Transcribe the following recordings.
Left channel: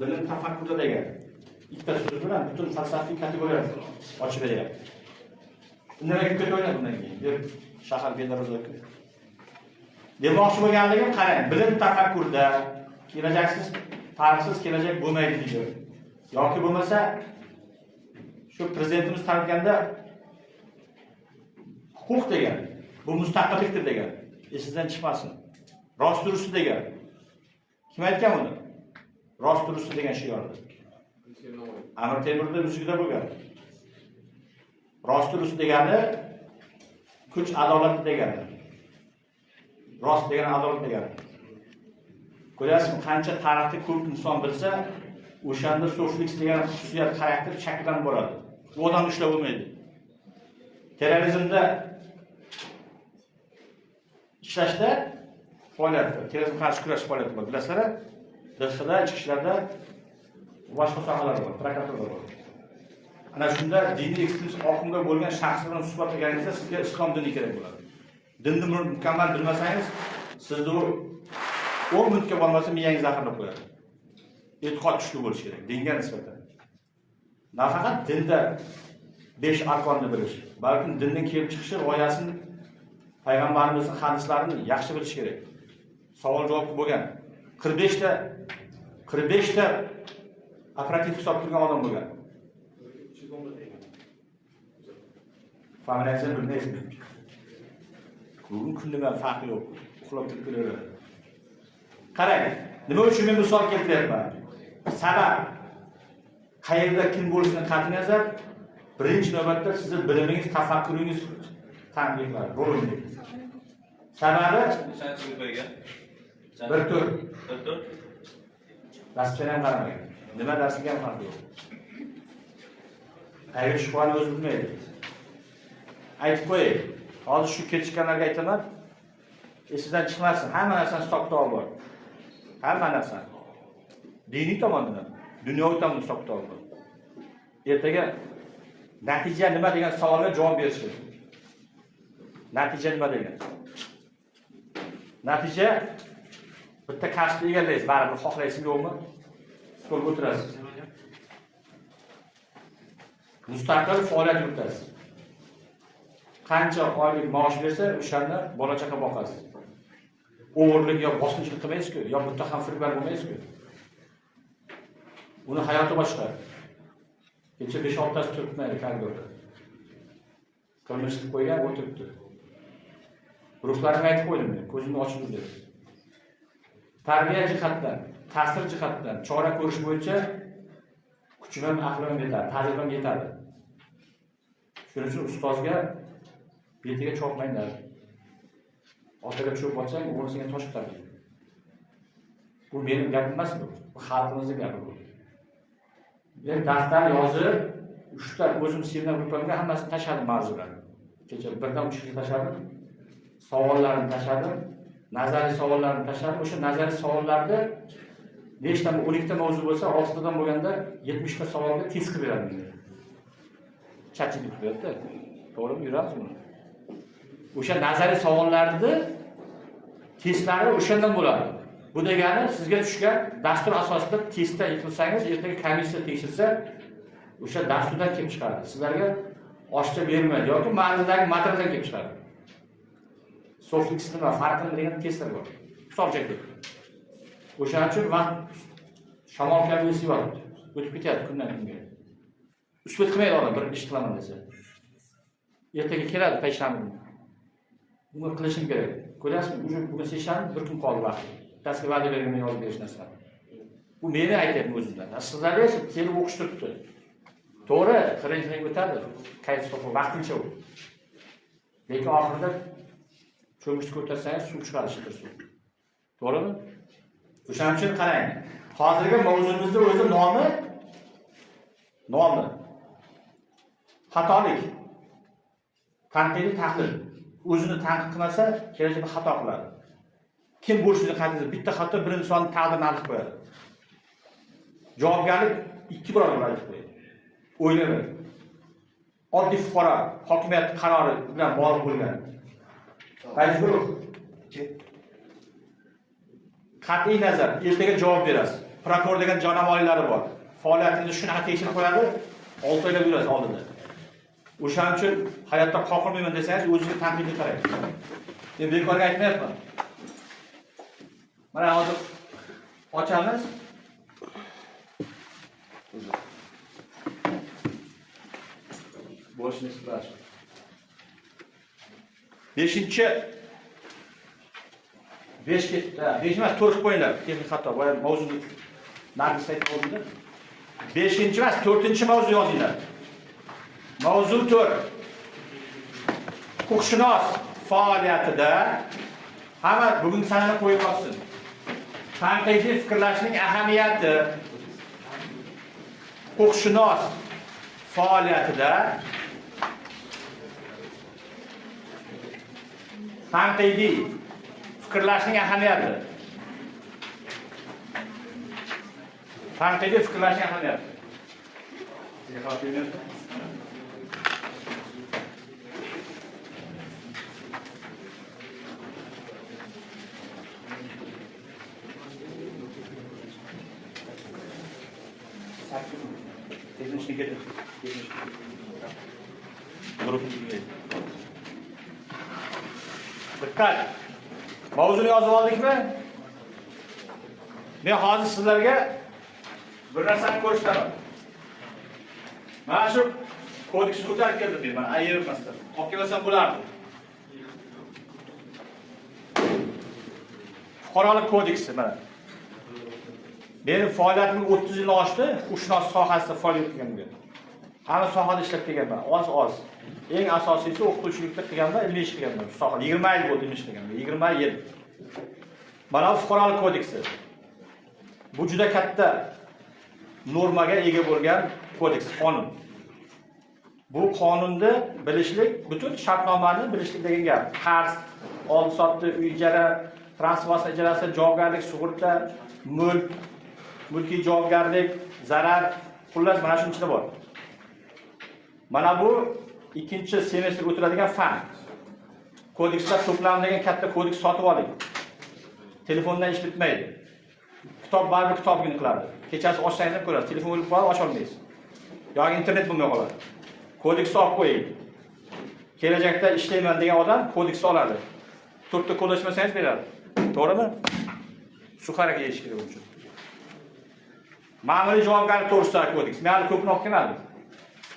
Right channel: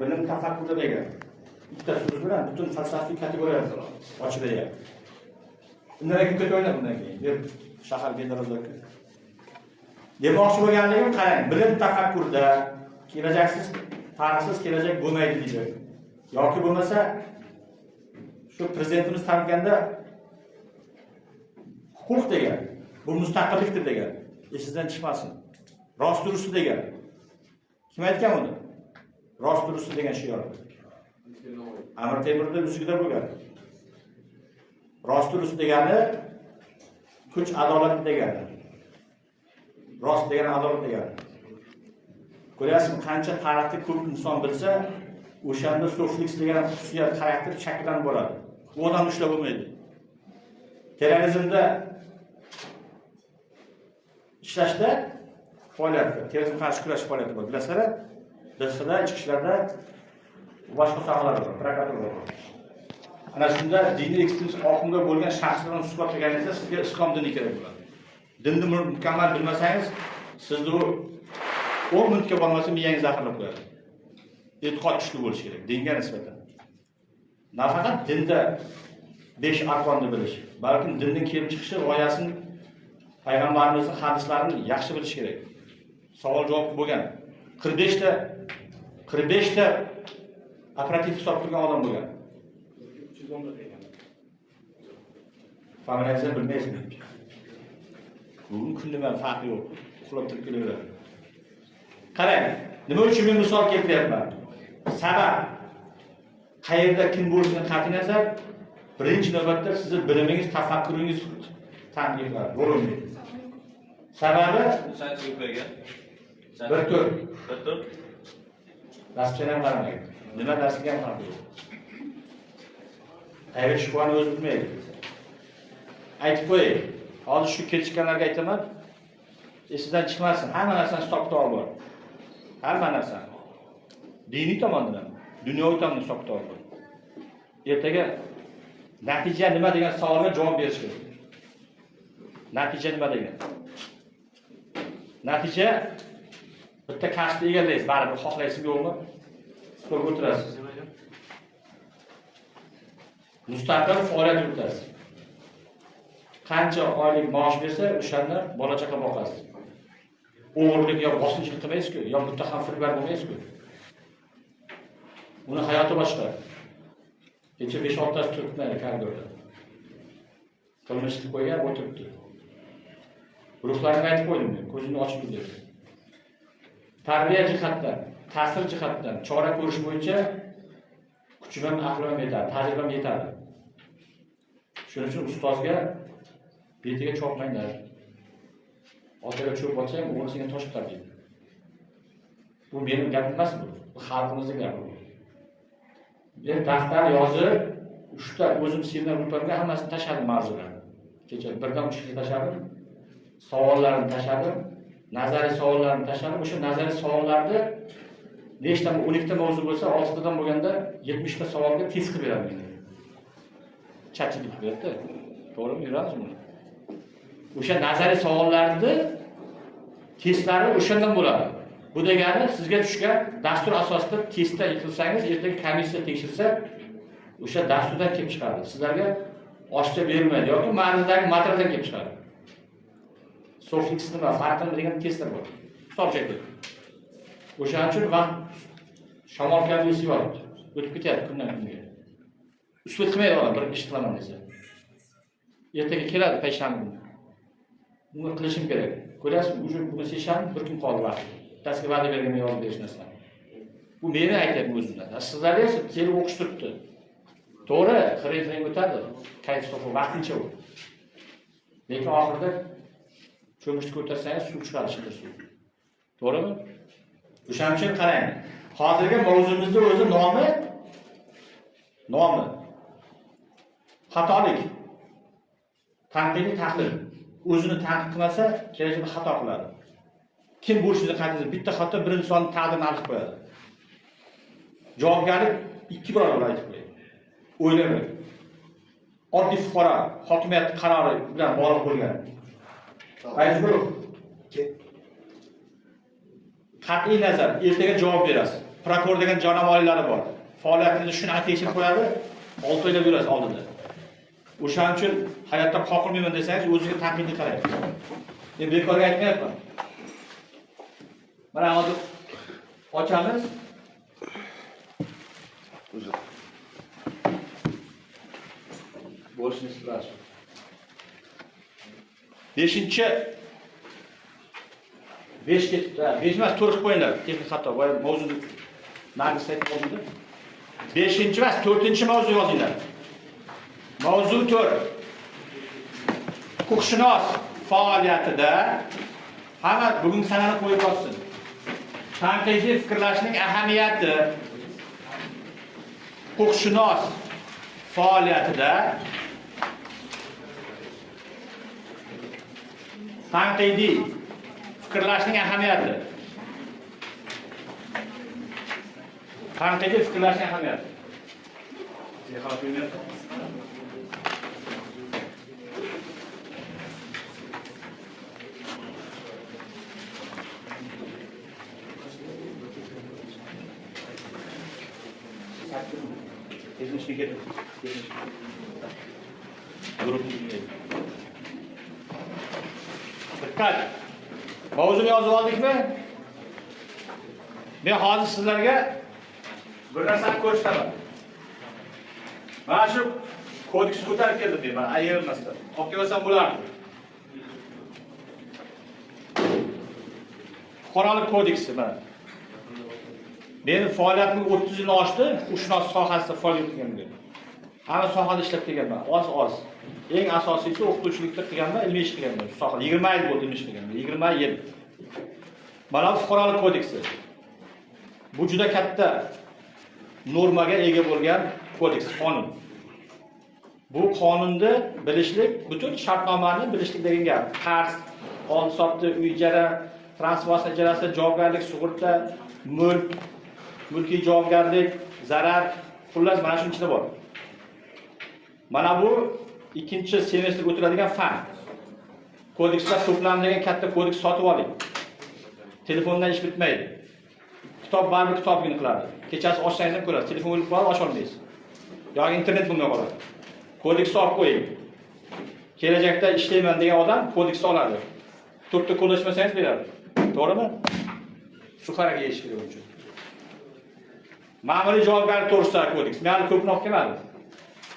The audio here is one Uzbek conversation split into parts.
bilim tafakkurda degan ikkita so'z bilan butun falsafiy kategoriyalar ochib beryapti. Nima ketib o'ylab bundan keyin bir shahar bedarazlik. Demoqchi bo'lganligim qarang, bilim tafakkurda kelajaksiz, tarixsiz kelajak bo'lmaydi deydi. Yoki bo'lmasa shu prezidentimiz tanitganda huquq degan, bu mustaqillikdir degan. Esingizdan chiqmasin. Rost durust degan. Kim aytgan uni? Rost durust degan shiorni. Amir Temurda uzugida bo'lgan. Rost durust degani kuch adolat degani. Rost degani adolat degani. Ko'ryapsizmi, qancha tarixni ko'p inson bilsa, o'shanda soflik degan xususiyat xarakter shakllanib boradi. U odam ushlab bo'lmaydi. Terrorizmda ishlashda faoliyatda, terrorizm qarshi kurash faoliyati bor. Bilasizlar, DXda, ichki ishlarda boshqa sohalar bor, prokuratura bor. Ana shunda diniy ekstremist oqimga bo'lgan shaxslar bilan suhbatlashganingizda sizga islom dini kerak bo'ladi. Dinni mukammal bilmasangiz, sizni 10 minutga bo'lmasa miyangiz zaharlab qo'yadi. E'tiqod kuchli bo'lishi kerak dinga nisbatan. Nafaqat dinda 5 arkonni bilish, balki dinning kelib chiqishi g'oyasini payg'ambarimizning hadislarini yaxshi bilish kerak. Savol javob bo'lgan 45 ta operativ hisob qilgan odam bo'lgan. Familiyangizni bilmaysizmi? Bugun kundan farqi yo'q. Uxlab turib kelaveradi. Qarang, nima uchun men misol keltiryapman? Sabab qayerda kim bo'lishidan qat'iy nazar, birinchi navbatda sizning bilimingiz, tafakkuringiz tanqidlar, bo'linadi. Sababi Qancha qo'ygan? Bir tur. Bir tur. Darsga ham qaramaydi. Nima darsiga ham farqi yo'q. Qayerga chiqishni o'zi bilmaydi. Aytib qo'yay. Hozir shu ketishganlarga aytaman. Esingizdan chiqmasin, hamma narsani hisob-kitob bor. Hamma narsa. Diniy tomondan, dunyoviy tomondan hisob-kitob bor. Ertaga natija nima degan savolga javob berish kerak. Natija nima degan? Natija bitta kasbni egallaysiz, baribir xohlaysizmi yo'qmi? Stolga o'tirasiz. Mustaqil faoliyat yuritasiz. Qancha oylik maosh bersa, o'shanda bola-chaqa boqasiz. O'g'irlik yo bosqinchilik qilmaysiz-ku, yo muttaham firibgar bo'lmaysiz-ku. Uni hayoti boshqa. Kecha 5-6 tasi turibdi koridorda. Qilmishni qo'ygan o'tiribdi. Ruhlarini aytib qo'ydim men, ko'zini ochib dedi. Tarbiya jihatdan, ta'sir jihatdan, chora ko'rish bo'yicha kuchim, aqlim yetadi, tajribam yetadi. Shuning uchun ustozga betiga chopmanglar. Otaga cho'p olsang, o'g'li senga tosh chiqaradi. Bu mening gapim emas bu. Bu xalqimizning gapi bu. Men daftar yozib, 3 ta o'zim seminar o'tganimda hammasini tashladim mavzularni. Kecha birdan 3 ta tashladim. Savollarni tashladim. Nazariy savollarni tashladim. O'sha nazariy savollarda nechta 12 ta mavzu bo'lsa, 6 tadan bo'lganda 70 ta savolga test qilib beradim. Chatchilik berdi. To'g'rimi yuramizmi? O'sha nazariy savollarni testlari o'shandan bo'ladi. Bu degani sizga tushgan dastur asosida testda yiqilsangiz, ertaga komissiya tekshirsa, o'sha dasturdan kelib chiqadi. Sizlarga oshcha berilmaydi yoki ma'nodagi materialdan kelib chiqadi. Soflik nima farqini degan testlar bor. Hisobchaki. O'shaning uchun vaqt shamol kabi esiyordi. O'tib ketyapti kundan kunga. Usbet qilmaydi odam bir ish qilaman desa. Ertaga keladi payshanba kuni. Buni qilishim kerak. Ko'rasizmi, bugun seshanba bir kun qoldi vaqt. Tasga va'da berganman yozib berish narsa. Bu meni aytyapman o'zimdan. Sizlarga esa kelib o'qish turibdi. To'g'ri, qirin o'tadi. Kayf to'g'ri vaqtincha u. Lekin oxirida cho'mishni ko'tarsangiz suv chiqadi, shitir suv. To'g'rimi? O'shaning uchun qarang. Hozirgi mavzumizning o'zi nomi xatolik. Tanqidiy tahlil. O'zini tanqid qilmasa, kelajakda xato qiladi. Kim bo'lishini qanday bitta xato bir insonni taqdirini aniq qo'yadi. Javobgarlik 2 barobar aytib qo'yadi. O'ylamaydi. Oddiy fuqaro hokimiyat qarori bilan bog'liq bo'lgan. Majbur qat'iy nazar ertaga javob berasiz. prokuror degan jonavorlari bor. Faoliyatingizni shuni tekshirib qo'yadi, 6 oylab yurasiz oldinda. O'shaning uchun hayotda qoqilmayman desangiz, o'zingizga tanqidni qarang. Men bekorga aytmayapman. Mana hozir ochamiz. Boshni splash. 5-chi 5 ketdi. 5 emas, 4 qo'yinglar. Texnik xato. Bu mavzuni naqslayt mavzuda. 5-chi emas, 4-chi mavzu yozinglar. Mavzu 4. Huquqshunos faoliyatida hamma bugun sanani qo'yib olsin. Tanqidiy fikrlashning ahamiyati. Huquqshunos faoliyatida tanqidiy fikrlashning ahamiyati. Tanqidiy fikrlashning ahamiyati. Dikkat! Mavzuni yozib oldikmi? Men hozir sizlarga bir narsani ko'rsataman. Mana shu kodeksni ko'tarib keldim men, mana ayirmasdan. Olib kelsam bo'lardi. Fuqarolik kodeksi mana. Mening faoliyatim 30 yilni oshdi, huquqshunos sohasida faoliyat qilganman. Hamma sohada ishlab kelganman, oz. Eng asosiysi o'qituvchilikda qilganman, ilmiy ish qilganman. Shu sohada 20 yil bo'ldi ilmiy ish qilganman, 20 yil. Mana bu fuqarolik kodeksi. Bu juda katta normaga ega bo'lgan kodeks, qonun. Bu qonunda bilishlik, butun shartnomani bilishlik degan gap. Qarz, oldi-sotdi, uy ijara, transport ijarasi, javobgarlik, sug'urta, mulk, mulkiy javobgarlik, zarar, xullas mana shu ichida bor. Mana bu ikkinchi semestrga o'tiladigan fan. Kodekslar to'plami degan katta kodeks sotib oling. Telefondan ish bitmaydi. Kitob baribir kitobgina qiladi. Kechasi ochsangiz ham ko'rasiz. Telefon o'lib qolib ocha olmaysiz. Yoki internet bo'lmay qoladi. Kodeks olib qo'ying. Kelajakda ishlayman degan odam kodeks oladi. To'rtta qo'llashmasangiz beradi. To'g'rimi? Shu harakat yeyish kerak uchun. Ma'muriy javobgarlik to'g'risidagi kodeks. Men hali ko'pni olib kelmadim.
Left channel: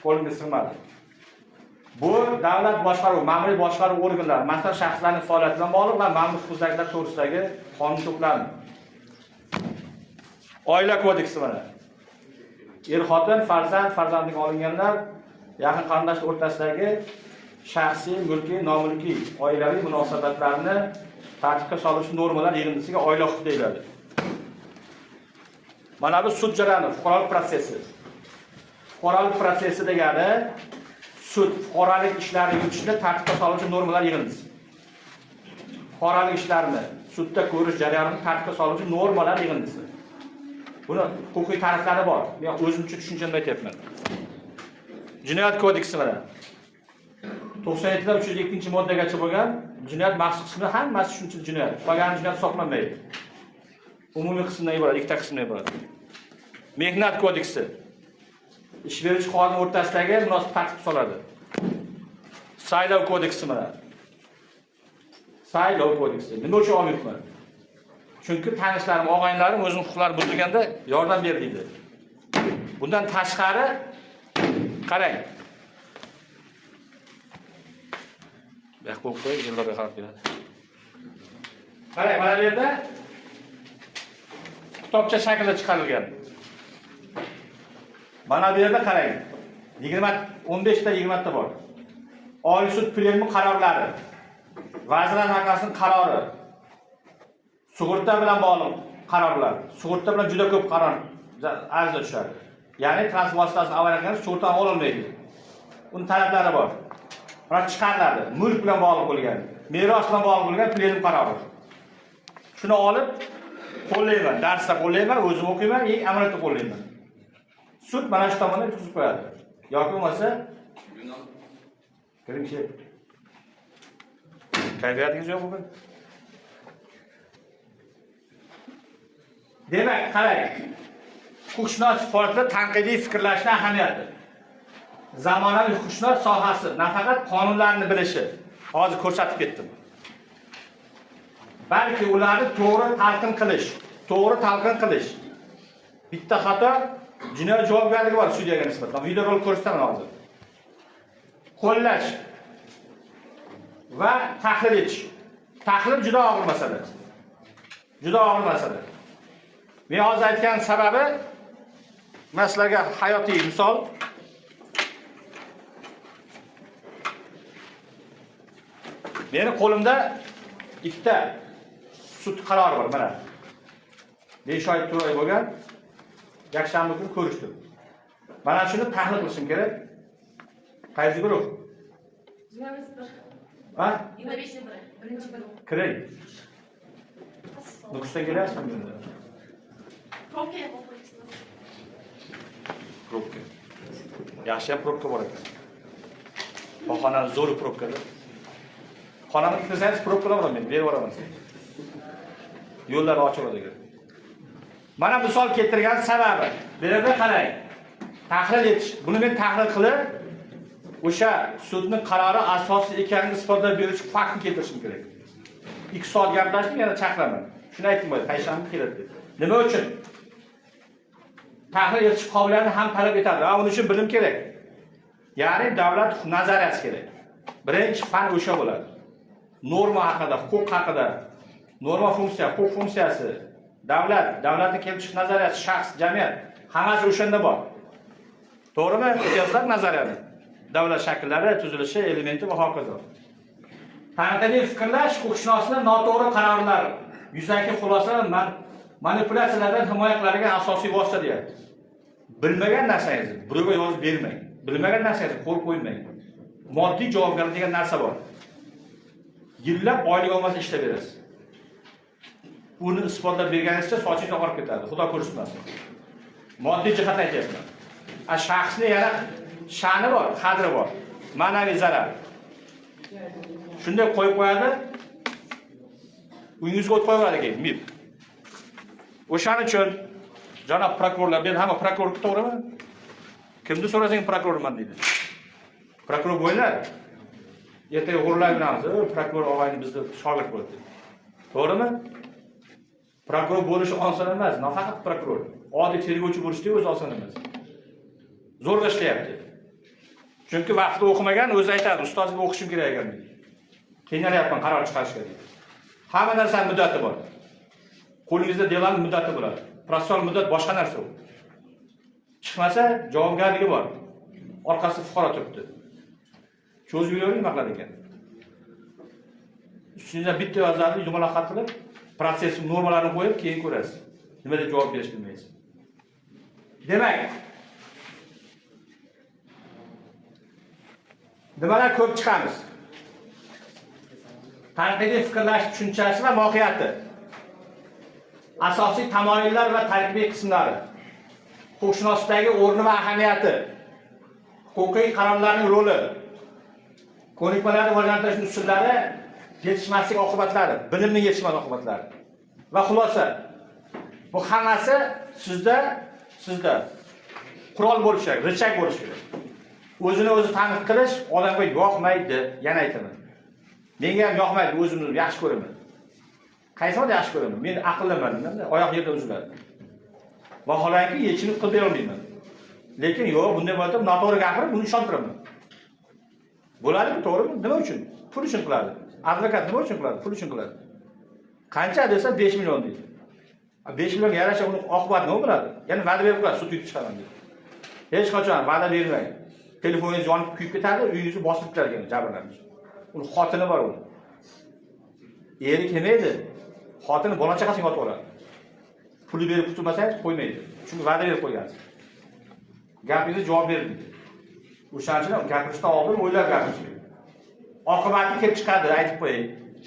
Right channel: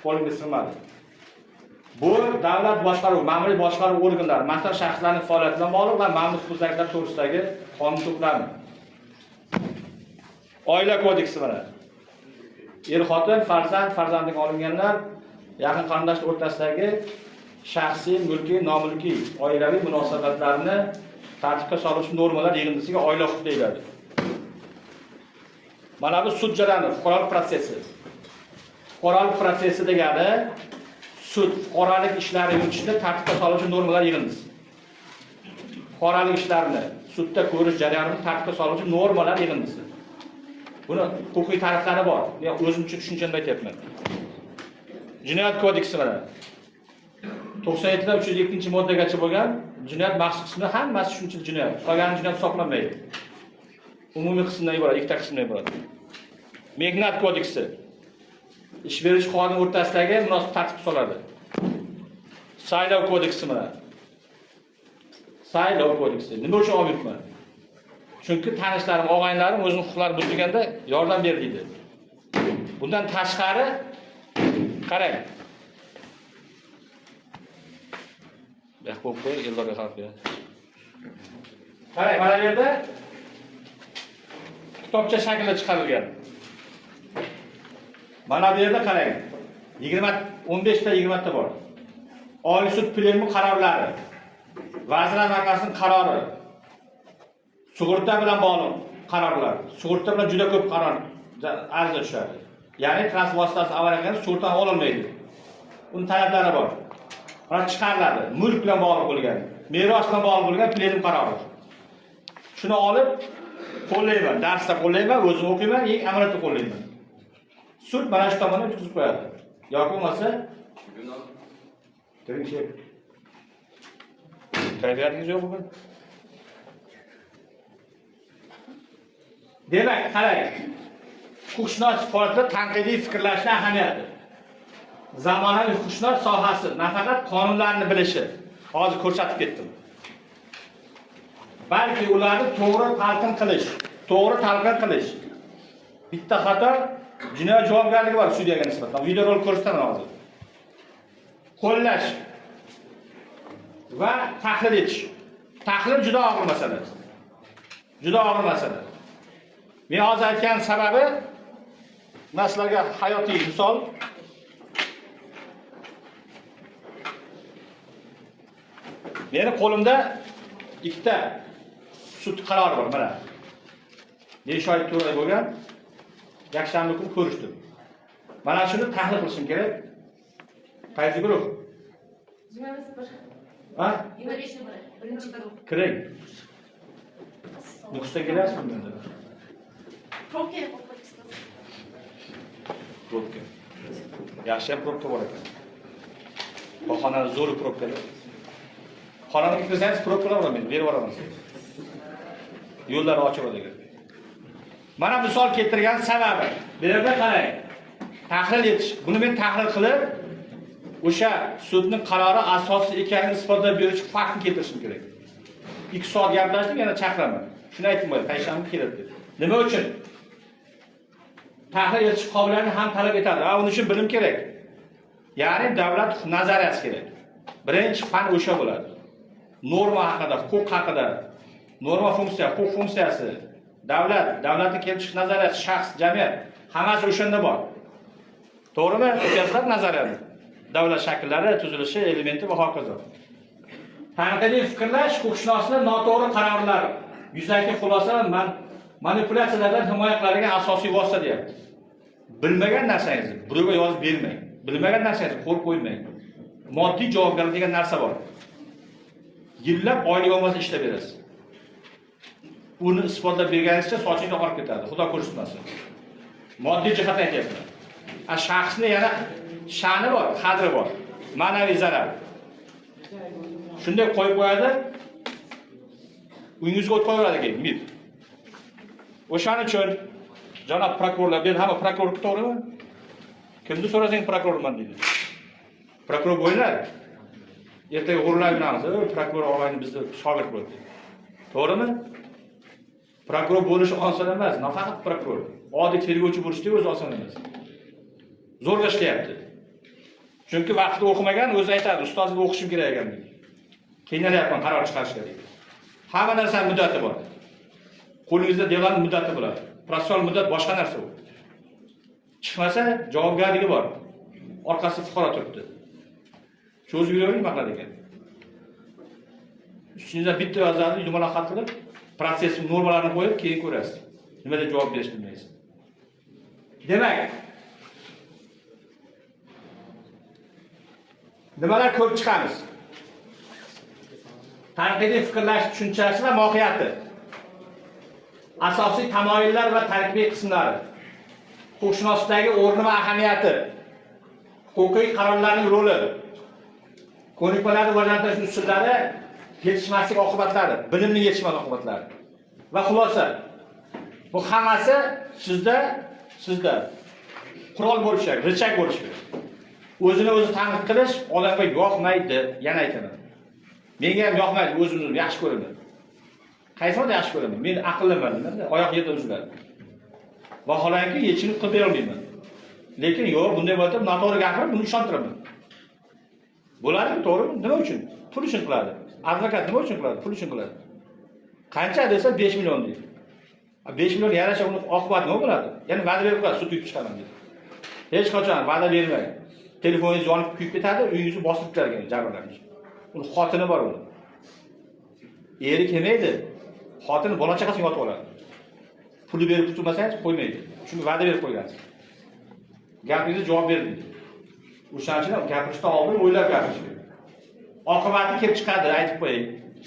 Qo'limga sig'madi. Bu davlat boshqaruv, ma'muriy boshqaruv organlari, masalan shaxslarning faoliyati bilan bog'liq va ma'muriy huquqlar to'g'risidagi qonun to'plami. Oila kodeksi mana. Er-xotin, farzandlik olinganlar, yaqin qarindoshlar o'rtasidagi shaxsiy, mulkiy, nomulkiy oilaviy munosabatlarni tartibga soluvchi normalar yig'indisiga oila huquqi deyiladi. Mana bu sud jarayoni, fuqarolik protsessi. Fuqarolik protsessi degani sud fuqarolik ishlari yuritishda tartibga soluvchi normalar yig'indisi. Fuqarolik ishlarini sudda ko'rish jarayonini tartibga soluvchi normalar yig'indisi. Buni huquqiy ta'riflari bor. Men o'zimcha tushunchimda aytyapman. Jinoyat kodeksi mana. 97 dan 302-moddagacha bo'lgan jinoyat maxsus qismi hammasi shunchalik jinoyat. Qolgan jinoyat hisoblanmaydi. Umumiy qismdan iborat, ikkita qismdan iborat. Mehnat kodeksi. Ish beruvchi xodim o'rtasidagi munosib tartib soladi. Saylov kodeksi mana. Saylov kodeksi. Nima uchun olmayapman? Chunki tanishlarim, og'aynilarim o'zini huquqlari buzilganda yordam berdi. Bundan tashqari qarang. Yaxbo'q yillarga qarab keladi. Qarang, mana bu yerda kitobcha shaklda chiqarilgan. Mana bu yerda qarang. 15 ta 20 ta bor. Oliy sud plenumi qarorlari, Vazirlar Mahkamasining qarori, sug'urta bilan bog'liq qarorlar. Sug'urta bilan juda ko'p qaror ariza tushadi. Ya'ni transport vositasi avariya qilganda sug'urta ololmaydi. Uning talablari bor. Mana chiqariladi. Mulk bilan bog'liq bo'lgan, meros bilan bog'liq bo'lgan plenum qarori. Shuni olib qo'llayman, darsda qo'llayman, o'zim o'qiyman, eng amaliyotda qo'llayman. Sud mana shu tomonga o'tkazib qo'yadi. Yoki bo'lmasa Kirimchi. Kayfiyatingiz yo'q bugun? Demak, qarang. Huquqshunos sifatida tanqidiy fikrlashning ahamiyati. Zamonaviy huquqshunos sohasi nafaqat qonunlarni bilishi, hozir ko'rsatib ketdim. Balki ularni to'g'ri talqin qilish. Bitta xato jinoyat javobgarligi bor sudyaga nisbatan. Videorolik ko'rsataman hozir. Qo'llash va tahlil etish. Tahlil juda og'ir masala. Juda og'ir masala. Men hozir aytgan sababi masalaga hayotiy misol. Meni qo'limda ikkita sud qarori bor, mana. Neshoy to'g'ri bo'lgan. Yakshanba kuni ko'rishdim. Mana shuni tahlil qilishim kerak. Qaysi guruh? 21. Ha? 21. Birinchi guruh. Kiring. Nukusdan kelyapsizmi endi? Probkaga qo'yib Probka. Yaxshi probka bor ekan. Bahonani zo'r probka. Xonamga kirsangiz probkalar bor, men berib yuboraman. Yo'llarni ochib o'radigan. Mana misol keltirgan sababi. Bu yerda qarang. Tahlil etish. Buni men tahlil qilib, o'sha sudning qarori asosiy ekanini isbotlab beruvchi faktni keltirishim kerak. 2 soat gaplashdim, yana chaqiraman. Shuni aytdim bo'y, payshanba keladi. Nima uchun? Tahlil etish qobiliyatini ham talab etadi. Uning uchun bilim kerak. Ya'ni davlat nazariyasi kerak. Birinchi fan o'sha bo'ladi. Norma haqida, huquq haqida, norma funksiya, huquq funksiyasi, davlatning kelib chiqish nazariyasi, shaxs, jamiyat, hammasi o'shanda bor. To'g'rimi? O'tkaziladi nazariyani. Davlat shakllari, tuzilishi, elementi va hokazo. Tanqidiy fikrlash huquqshunosning noto'g'ri qarorlar, yuzaki xulosalar, manipulyatsiyalardan himoya qiladigan asosiy vosita deyapti. Bilmagan narsangizni birovga yozib bermang. Bilmagan narsangizni qo'l qo'ymang. Moddiy javobgarlik degan narsa bor. Yillab oylik olmasa ishlab berasiz. Uni isbotlab berganingizcha sochingiz oqarib ketadi. Xudo ko'rsatmasin. Moddiy jihatdan aytyapman. Shaxsni yana sha'ni bor, qadri bor. Ma'naviy zarar. Shunday qo'yib qo'yadi. Uyingizga o't qo'yadi keyin, mib. O'shaning uchun janob prokurorlar, men hamma prokuror to'g'rimi? Kimni so'rasang prokurorman deydi. Prokuror bo'linglar. Ertaga g'ururlanamiz, prokuror og'ayni bizni shogird bo'ldi. To'g'rimi? Prokuror bo'lish oson emas, nafaqat prokuror. Oddiy tergovchi bo'lishning o'zi oson emas. Zo'rg'a ishlayapti. Chunki vaqtida o'qimagan, o'zi aytadi, ustozga o'qishim kerak ekan deydi. Qiynalyapman qaror chiqarishga deydi. Hamma narsaning muddati bor. Qo'lingizda delanning muddati bo'ladi. Protsessual muddat boshqa narsa u. Chiqmasa javobgarligi bor. Orqasida fuqaro turibdi. Cho'zib yuravering maqlar ekan. Ustingizda bitta vazirni dumaloq xat qilib, protsess normalarini qo'yib, keyin ko'rasiz. Nima deb javob berish bilmaysiz. Demak, nimalar ko'rib chiqamiz? Tanqidiy fikrlash tushunchasi va mohiyati. Asosiy tamoyillar va tarkibiy qismlari. Huquqshunoslikdagi o'rni va ahamiyati. Huquqiy qarorlarning roli. Ko'nikmalarni rivojlantirish usullari, yetishmaslik oqibatlari, bilimning yetishmas oqibatlari. Va xulosa. Bu hammasi sizda qurol bo'lishi kerak, richak bo'lishi kerak. O'zini o'zi tanqid qilish odamga yoqmaydi, yana aytaman. Menga ham yoqmaydi, o'zimni yaxshi ko'raman. Qaysimni yaxshi ko'raman? Men aqlliman, oyoq yerda uziladi. Vaholanki yechimni qilib bera olmayman. Lekin yo'q, bunday bo'lsa noto'g'ri gapirib, buni ishontiraman. Bo'ladimi, to'g'rimi? Nima uchun? Pul uchun qiladi. Advokat nima uchun qiladi? Pul uchun qiladi. Qancha desa 5 million deydi. 5 million yarasha uni oqibati nima bo'ladi? Ya'ni va'da berib qo'yadi, sud yutib chiqaman deydi. Hech qachon va'da bermang. Telefoningiz yonib kuyib ketadi, uyingizni bosib ketadi jabrlanuvchi. Uni xotini bor uni. Eri kelmaydi. Xotini bola-chaqasiga yotib oladi. Puli berib tutmasangiz qo'ymaydi. Chunki va'da berib qo'ygansiz. Gapingizga javob bering. O'shaning uchun gapirishdan oldin o'ylab gapirish kerak. Oqibati kelib chiqadi, aytib qo'ying.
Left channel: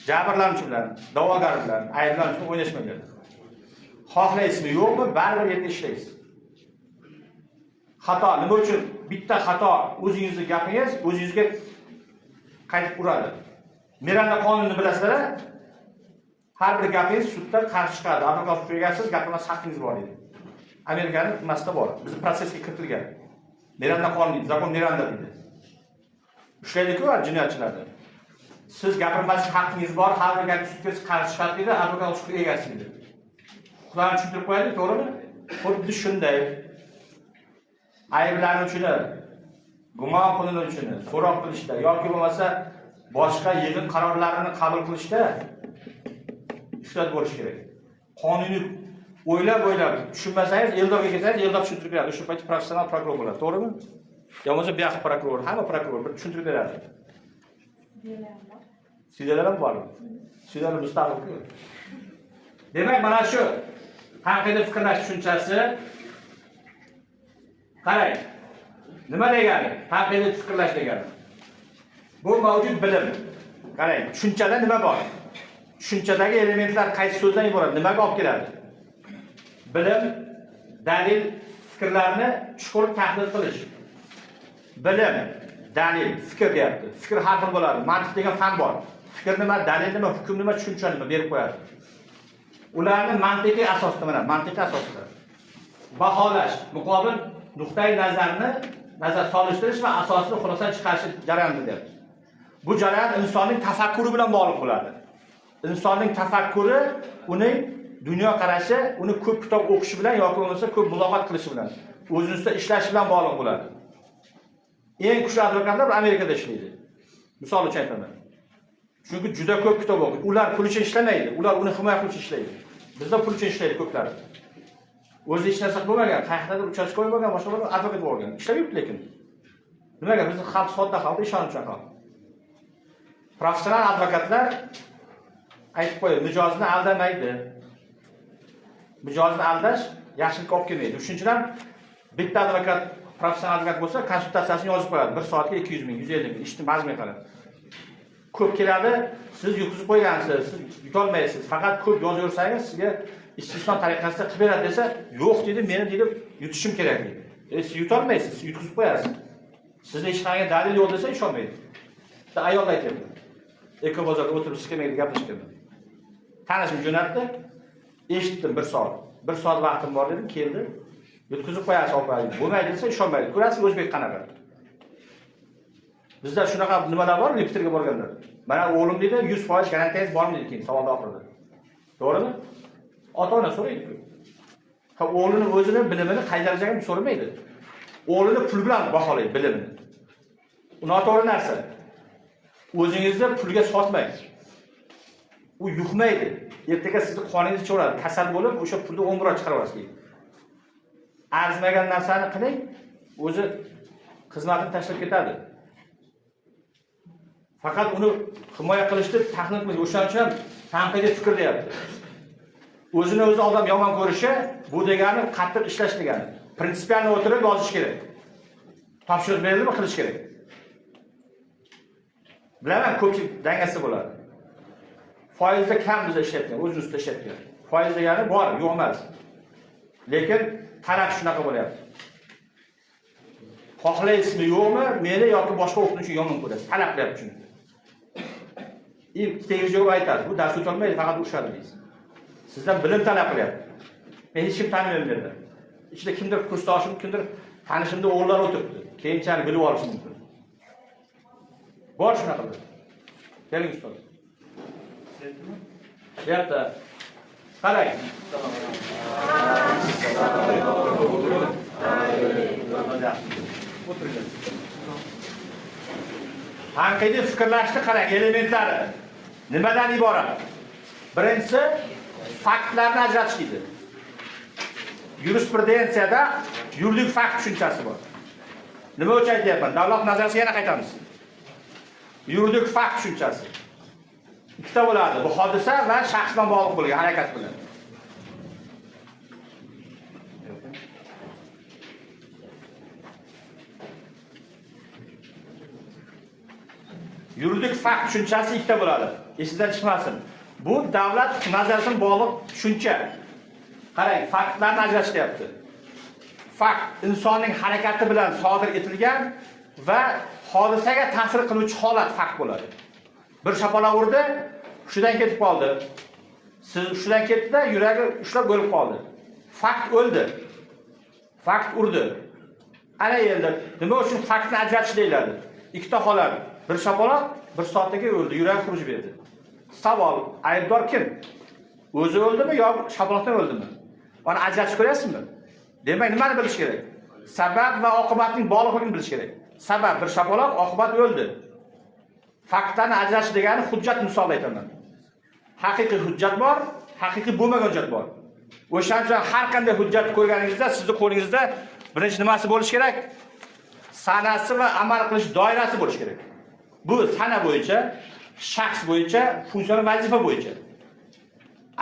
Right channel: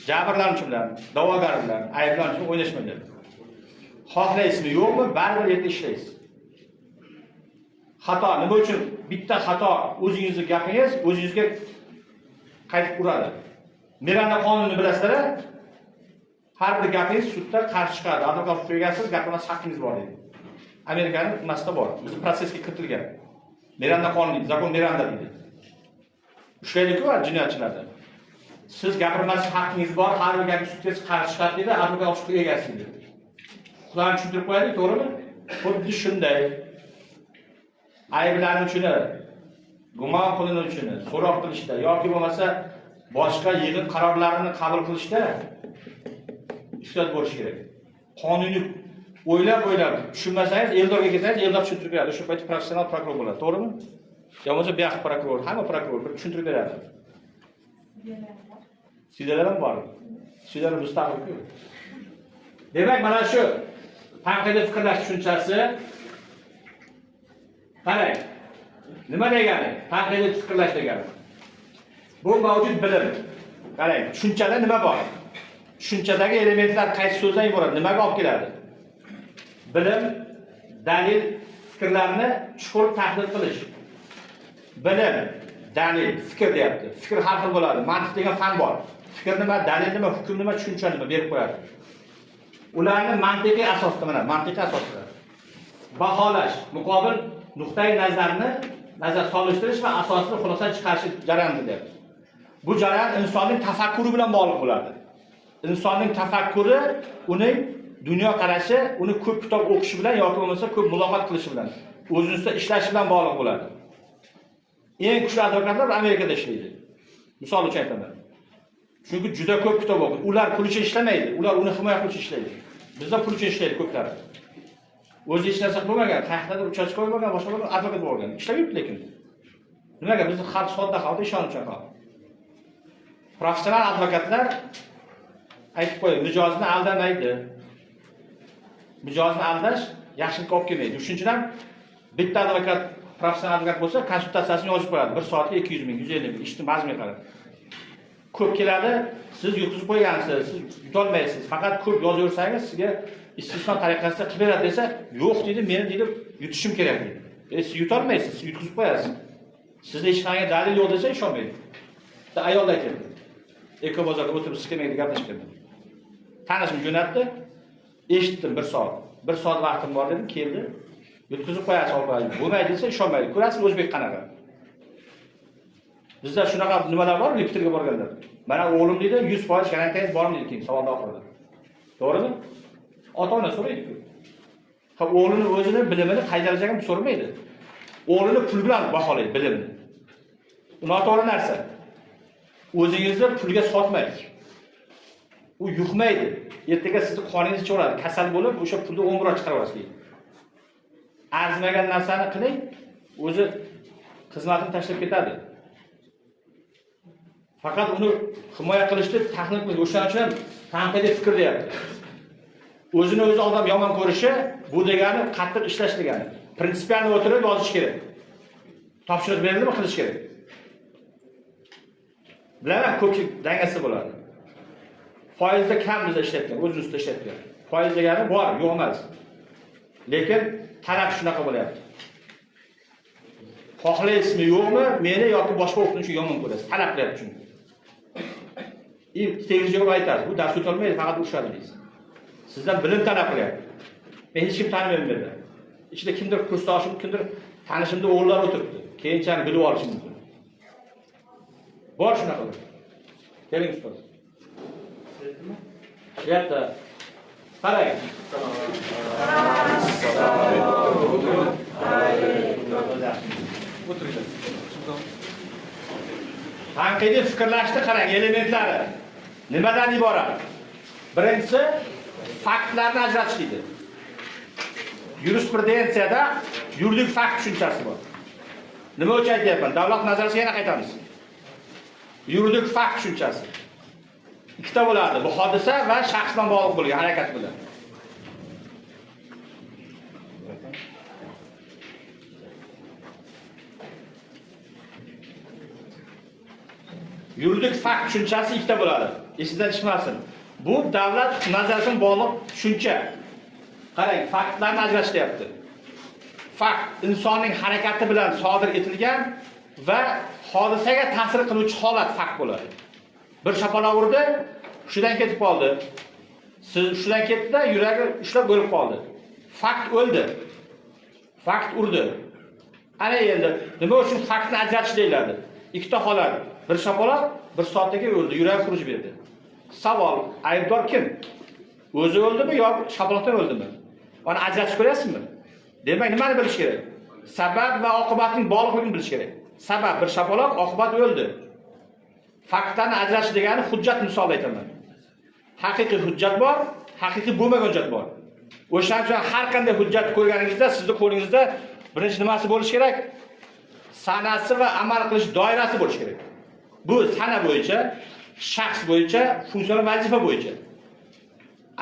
Jabrlanuvchi bilan, da'vogar bilan, ayblanuvchi bilan o'ynashmaydi. Xohlaysizmi, yo'qmi, baribir yerda ishlaysiz. Xato nima uchun? Bitta xato o'zingizning gapingiz o'zingizga qaytib uradi. Miranda qonunini bilasizlar? Har bir gapingiz sudda qarshi chiqadi. Advokat qo'ygansiz, gapirmas haqqingiz bor deydi. Amerikaning nimasida bor. Biz protsesga kiritilgan. Miranda qonuni, zakon Miranda deydi. Ushlaylik-ku jinoyatchilarni. Siz gapirmaslik haqqingiz bor, har bir gapni sudga qarshi chiqadi deydi, advokat huquq egasi deydi. Xudoni tushuntirib qo'yaylik, to'g'rimi? Xuddi shunday. Ayblanuvchini, gumon qilinuvchini so'roq qilishda yoki bo'lmasa boshqa yig'in qarorlarini qabul qilishda ehtiyot bo'lish kerak. Qonuniy o'ylab tushunmasangiz, Eldorga kelsangiz, Eldor tushuntirib beradi. O'sha payt professional prokuror bo'ladi, to'g'rimi? Yo bo'lmasa bu yoq prokuror, hamma prokuror bir tushuntirib beradi. Sudyalar ham bor. Sudyalar mustaqil-ku. Demak, mana shu tanqidiy fikrlash tushunchasi qarang. Nima degani? Tanqidiy fikrlash degani. Bu mavjud bilim. Qarang, tushunchada nima bor? Tushunchadagi elementlar qaysi so'zdan iborat? Nimaga olib keladi? Bilim, dalil, fikrlarni chuqur tahlil qilish. Bilim, dalil, fikr deyapti. Fikr har xil bo'ladi. Mantiq degan fan bor. Fikr nima, dalil nima, hukm nima, tushuncha nima berib qo'yadi. Ularni mantiqiy asosda, mana mantiqiy asosda baholash, muqobil nuqtai nazarni nazar solishtirish va asosni xulosa chiqarish jarayoni deyapti. Bu jarayon insonning tafakkuri bilan bog'liq bo'ladi. Insonning tafakkuri, uning dunyo qarashi, uni ko'p kitob o'qishi bilan yoki bo'lmasa ko'p muloqot qilishi bilan, o'zini ustida ishlashi bilan bog'liq bo'ladi. Eng kuchli advokatlar Amerikada ishlaydi. Misol uchun aytaman. Chunki juda ko'p kitob o'qiydi. Ular pul uchun ishlamaydi, ular uni himoya qilish uchun ishlaydi. Bizda pul uchun ishlaydi ko'plar. O'zi hech narsa qilmagan, qayerdadir uchastka qo'ymagan, boshqa bir advokat bo'lgan. Ishlab yuribdi lekin. Nimaga? Bizning xalq sodda xalq ishonuvchan xalq. Professional advokatlar aytib qo'yadi, mijozni aldamaydi. Mijozni aldash yaxshilikka olib kelmaydi. Shuning uchun bitta advokat, professional advokat bo'lsa, konsultatsiyasini yozib qo'yadi. 1 soatga 200 ming, 150 ming, ishni mazmun qiladi. Ko'p keladi, siz yutqizib qo'ygansiz, siz yutolmaysiz. Faqat ko'p yozaversangiz sizga istisno tariqasida qilib beradi desa, yo'q dedi, meni dedi yutishim kerak dedi. Siz yutolmaysiz, siz yutqizib qo'yasiz. Sizda hech qanday dalil yo'q desa ishonmaydi. Bitta ayol aytadi. Ekobozorda o'tirib sxemaga gaplashgan. Tanishim jo'natdi. Eshitdim 1 soat. 1 soat vaqtim bor dedim, keldi. Yutqizib qo'yasiz olmaydi. Bo'lmaydi desa ishonmaydi. Ko'rasiz o'zbek qanaqa. Bizda shunaqa nimalar bor, repetitorga borganlar. Mana o'g'lim dedi, 100% garantiyasi bormi dedi keyin savolda oxirida. To'g'rimi? Ota-ona so'raydi-ku. Ha, o'g'lini o'zini bilimini qay darajaga so'ramaydi. O'g'lini pul bilan baholaydi bilimini. Bu noto'g'ri narsa. O'zingizni pulga sotmang. U yuqmaydi. Ertaga sizni qoningiz cho'radi, kasal bo'lib, o'sha pulni 10 bor chiqarib olasiz. Arzimagan narsani qiling, o'zi xizmatini tashlab ketadi. Faqat uni himoya qilishni tahlil qiling. O'shaning uchun tanqidiy fikr deyapti. O'zini o'zi odam yomon ko'rishi, bu degani qattiq ishlash degani. Prinsipialni o'tirib yozish kerak. Topshiriq berildimi, qilish kerak. Bilaman, ko'pchilik dangasi bo'ladi. Foizda kam bizda ishlatgan, o'z ustida ishlatgan. Foiz degani bor, yo'q emas. Lekin talab shunaqa bo'lyapti. Xohlaysizmi, yo'qmi, meni yoki boshqa o'qituvchi yomon ko'rasiz. Talab qilyapti chunki. Tegishli javob aytasiz. Bu dars o'tolmaydi, faqat o'shadi deysiz. Sizdan bilim talab qilyapti. Men hech kim tanimayman bu yerda. Ichida kimdir kursdoshim, kimdir tanishimda o'g'illar o'tiribdi. Keyinchalik bilib olish mumkin. Bor shunaqa. Keling ustoz. Yerda qarang. O'tiringlar. Tanqidiy fikrlashni qarang, elementlari nimadan iborat? Birinchisi faktlarni ajratish deydi. Yurisprudensiyada yuridik fakt tushunchasi bor. Nima uchun aytyapman? Davlat nazaratiga yana qaytamiz. Yuridik fakt tushunchasi. Ikkita bo'ladi. Bu hodisa va shaxs bilan bog'liq bo'lgan harakat bilan. Yuridik fakt tushunchasi ikkita bo'ladi. Esingizdan chiqmasin. Bu davlat nazaratiga bog'liq tushuncha. Qarang, faktlarni ajratishyapti. Fakt insonning harakati bilan sodir etilgan va hodisaga ta'sir qiluvchi holat fakt bo'ladi. Bir shapaloq urdi, hushidan ketib qoldi. Siz shundan ketdi-da, yuragi ushlab bo'lib qoldi. Fakt o'ldi. Fakt urdi. Ana endi nima uchun faktni ajratish deyiladi? Ikkita holat. Bir shapaloq, bir soatdagi o'ldi, yuragi xuruj berdi. Savol, aybdor kim? O'zi o'ldimi yo shapaloqdan o'ldimi? Buni ajratib ko'ryapsizmi? Demak, nimani bilish kerak? Sabab va oqibatning bog'liqligini bilish kerak. Sabab bir shapaloq, oqibat o'ldi. Faktlarni ajratish degani hujjat misolida aytaman. Haqiqiy hujjat bor, haqiqiy bo'lmagan hujjat bor. O'shaning uchun har qanday hujjat ko'rganingizda sizning qo'lingizda birinchi nimasi bo'lishi kerak? Sanasi va amal qilish doirasi bo'lishi kerak. Bu sana bo'yicha, shaxs bo'yicha, funksional vazifa bo'yicha.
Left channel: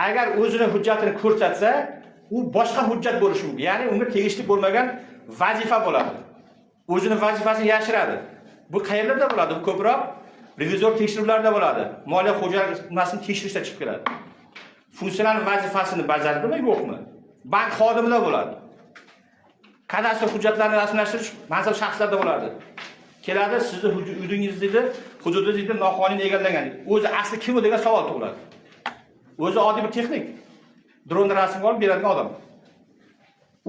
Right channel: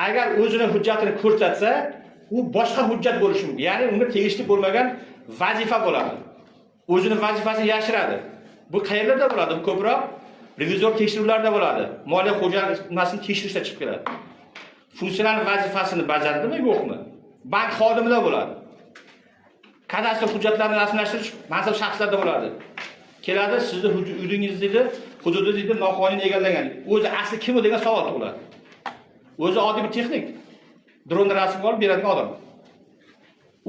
Agar o'zini hujjatini ko'rsatsa, u boshqa hujjat bo'lishi mumkin. Ya'ni unga tegishli bo'lmagan vazifa bo'ladi. O'zini vazifasini yashiradi. Bu qayerlarda bo'ladi? Bu ko'proq revizor tekshiruvlarda bo'ladi. Moliya xo'jaligini tekshirishda chiqib keladi. Funksional vazifasini bajaradimi, yo'qmi? Bank xodimida bo'ladi. Kadastr hujjatlarini rasmiylashtirish mansab shaxslarda bo'ladi. Keladi, sizni uyingizni, hududingizni noqonuniy egallagan. O'zi asli kim degan savol tug'iladi. O'zi oddiy bir texnik. Dronda rasm olib beradigan odam.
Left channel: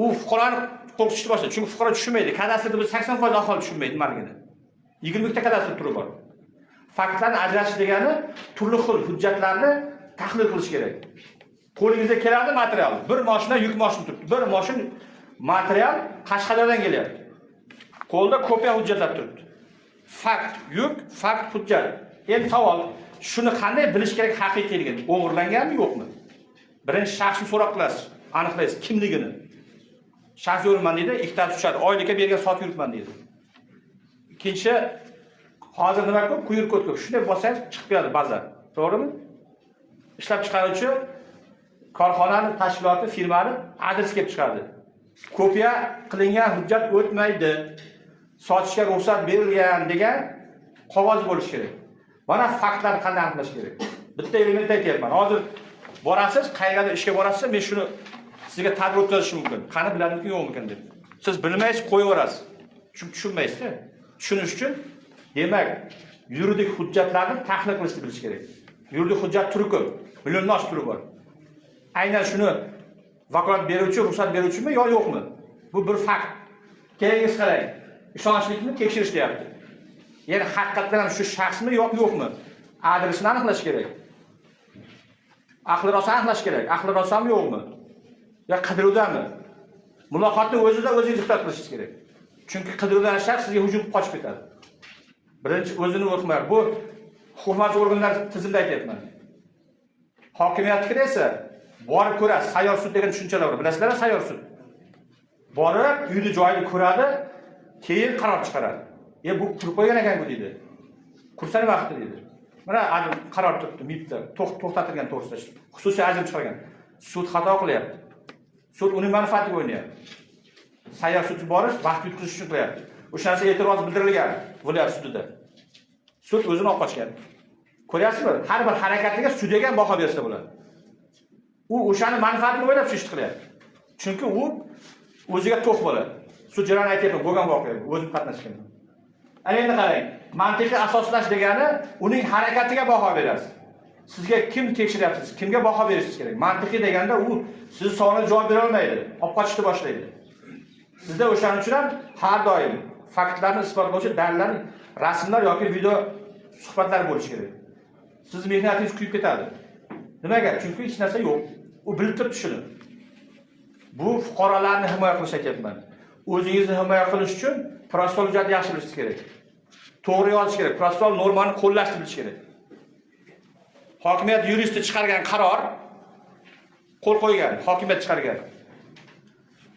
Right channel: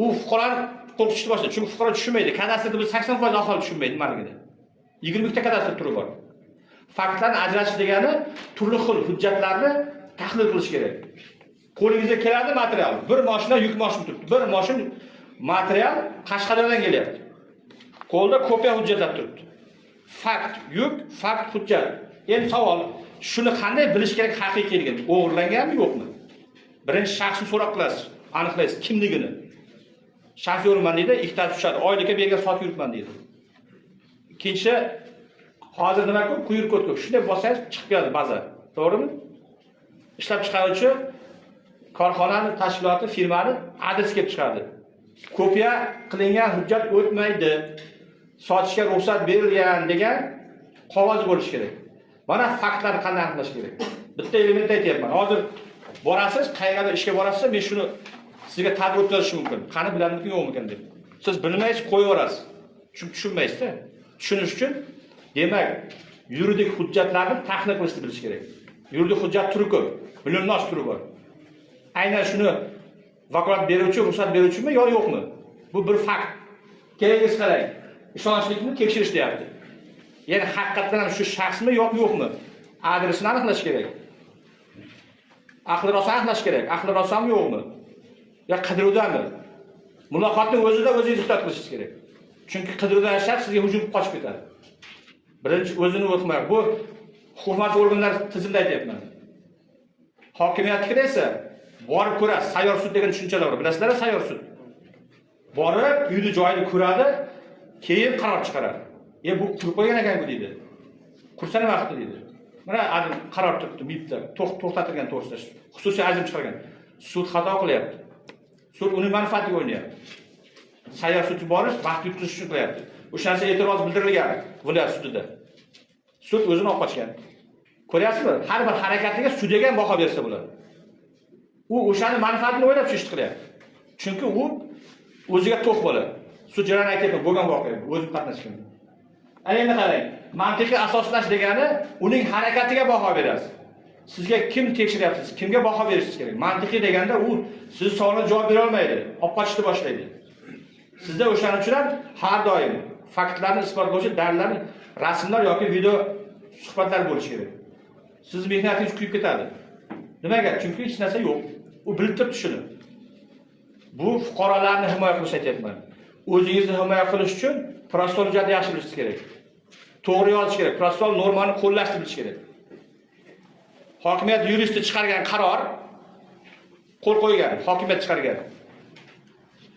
U fuqaroni qo'rqitishni boshlaydi. Chunki fuqaro tushunmaydi. Kadastrda biz 80% aholi tushunmaydi nimaligini. 20 ta kadastr turi bor. Faktlarni ajratish degani turli xil hujjatlarni tahlil qilish kerak. Qo'lingizga keladi material. Bir mashina yuk mashina turibdi. Bir mashina material Qashqadaryodan kelyapti. Qo'lda kopiya hujjatlar turibdi. Fakt yuk, fakt hujjat. Endi savol, shuni qanday bilish kerak haqiqiyligini? O'g'irlanganmi, yo'qmi? Birinchi shaxsni so'roq qilasiz, aniqlaysiz kimligini. Shaxs yurman deydi, ikkita tushadi, oylikka bergan sot yuribman deydi. Ikkinchi, hozir nima ko'p, quyruq ko'p. Shunday bo'lsangiz chiqib keladi baza. To'g'rimi? Ishlab chiqaruvchi korxonani, tashkiloti, firmani adresi kelib chiqadi. Kopiya qilingan hujjat o'tmaydi. Sotishga ruxsat berilgan degan qog'oz bo'lishi kerak. Mana faktlarni qanday aniqlash kerak? Bitta element aytyapman. Hozir borasiz, qayerga ishga borasiz, men shuni sizga ta'rif o'tkazishim mumkin. Qani bilamizmi, yo'qmikan deb. Siz bilmaysiz, qo'yib yuborasiz. Chunki tushunmaysiz-da. Tushunish uchun demak, yuridik hujjatlarni tahlil qilishni bilish kerak. Yuridik hujjat turi ko'p, millionlash turi bor. Aynan shuni vakolat beruvchi, ruxsat beruvchimi yo yo'qmi? Bu bir fakt. Keyingiz qarang. Ishonchlikni tekshirish deyapti. Ya'ni haqiqatan shu shaxsmi yo'qmi? Adresini aniqlash kerak. Aqli rosa aniqlash kerak. Aqli rosami yo'qmi? Ya qidiruvdami? Muloqotni o'zida o'zingiz ehtiyot qilishingiz kerak. Chunki qidiruvdan shaxs sizga hujum qilib qochib ketadi. Birinchi o'zini o'qima. Bu hukumat organlari tizimida aytyapman. Hokimiyatga esa borib ko'rasiz. Sayyor sud degan tushunchalar bor. Bilasizlar, sayyor sud. Borib, uyni joyini ko'radi, keyin qaror chiqaradi. Bu qurib qo'ygan ekan-ku deydi. Kursani vaqti deydi. Mana qaror turibdi, MIBda to'xtatilgan to'g'risida xususiy ajrim chiqargan. Sud xato qilyapti. Sud uning manfaatiga o'ynayapti. Sayyor sudga borish vaqt yutqizish uchun qilyapti. O'shanisi e'tiroz bildirilgan viloyat sudida. Sud o'zini olib qochgan. Ko'ryapsizmi? Har bir harakatiga sudga ham baho bersa bo'ladi. U o'shani manfaatini o'ylab ish qilyapti. Chunki u o'ziga to'q bo'ladi. Sud jarayoni aytayapti, bo'lgan voqea, o'zim qatnashgan. Endi qarang, mantiqiy asoslash degani uning harakatiga baho berasiz. Sizga kim tekshiryapsiz, kimga baho berishingiz kerak. Mantiqiy deganda u siz savolga javob bera olmaydi, olib qochishni boshlaydi. Sizda o'shaning uchun ham har doim faktlarni isbotlovchi dalillar, rasmlar yoki video suhbatlar bo'lishi kerak. Siz mehnatingiz kuyib ketadi. Nimaga? Chunki hech narsa yo'q. U bilib turibdi shuni. Bu fuqarolarni himoya qilish aytyapman. O'zingizni himoya qilish uchun protsessual hujjatni yaxshi bilishingiz kerak. To'g'ri yozish kerak, protsessual normani qo'llashni bilish kerak. Hokimiyat yuristi chiqargan qaror qo'l qo'ygan, hokimiyat chiqargan.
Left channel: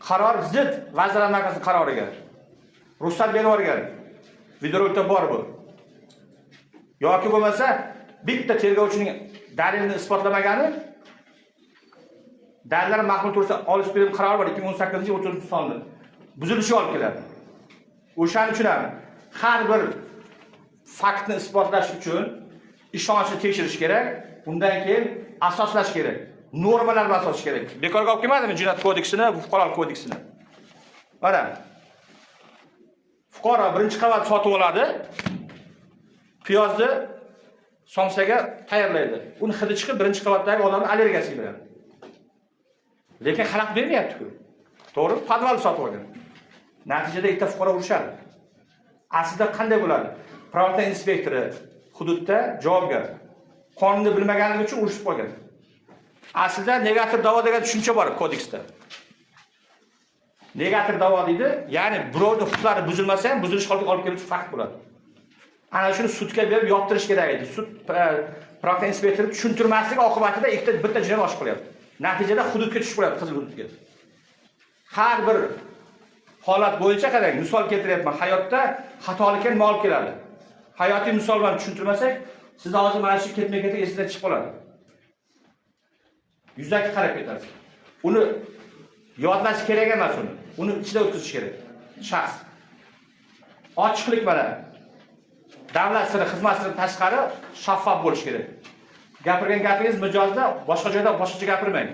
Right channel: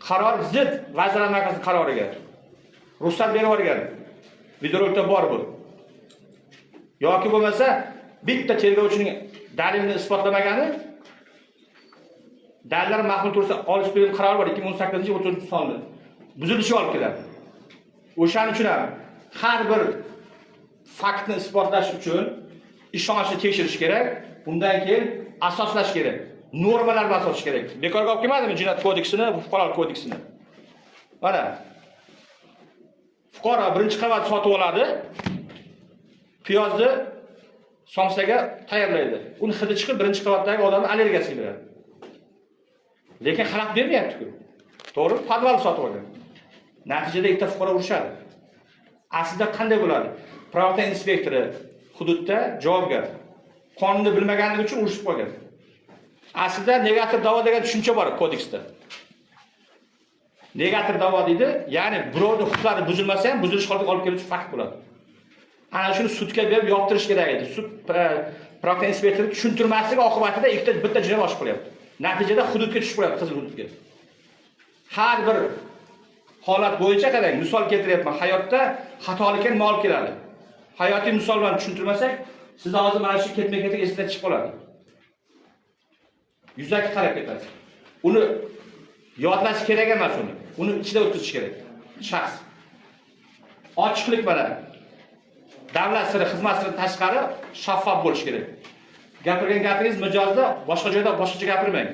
Qaror zid Vazirlar Mahkamasi qaroriga. Ruxsat berib yuborgan. Videorolikda bor bu. Yoki bo'lmasa, bitta tergovchining dalilini isbotlamagani dalillar mahkuma tursa olish bergan qaror bor 2018-30 sonli. Buzilishi olib keladi. O'shaning uchun ham har bir faktni isbotlash uchun ishonchni tekshirish kerak, undan keyin asoslash kerak. Normalar bilan asoslash kerak. Bekorga olib kelmadimi Jinoyat kodeksini, fuqarolik kodeksini? Mana fuqaro birinchi qavat sotib oladi. Piyozni somsaga tayyorlaydi. Uni hidi chiqib birinchi qavatdagi odamning allergiyasiga beradi. Lekin xalaq bermayapti-ku. To'g'ri, podval sotib olgan. Natijada ikkita fuqaro urishadi. Aslida qanday bo'ladi? Pravda inspektori hududda javobgar. Qonunni bilmaganligi uchun urishib qo'ygan. Aslida negativ da'vo degan tushuncha bor kodeksda. Negativ da'vo deydi, ya'ni birovning huquqlari buzilmasa ham buzilish holiga olib keluvchi fakt bo'ladi. Ana shuni sudga berib yoptirish kerak edi. Sud pravda inspektori tushuntirmasligi oqibatida bitta jinoyat oshib qolyapti. Natijada hududga tushib qolyapti, qizil hududga. Har bir holat bo'yicha qarang, misol keltiryapman. Hayotda xatolikka nima olib keladi? Hayotiy misol bilan tushuntirmasak, siz hozir mana shu ketma-ketga esdan chiqib qoladi. Yuzaki qarab ketasiz. Uni yodlash kerak emas uni. Uni ichida o'tkazish kerak. Shaxs. Ochiqlik mana. Davlat siri, xizmat siri tashqari shaffof bo'lish kerak. Gapirgan gapingiz mijozda boshqa joyda boshqacha gapirmang.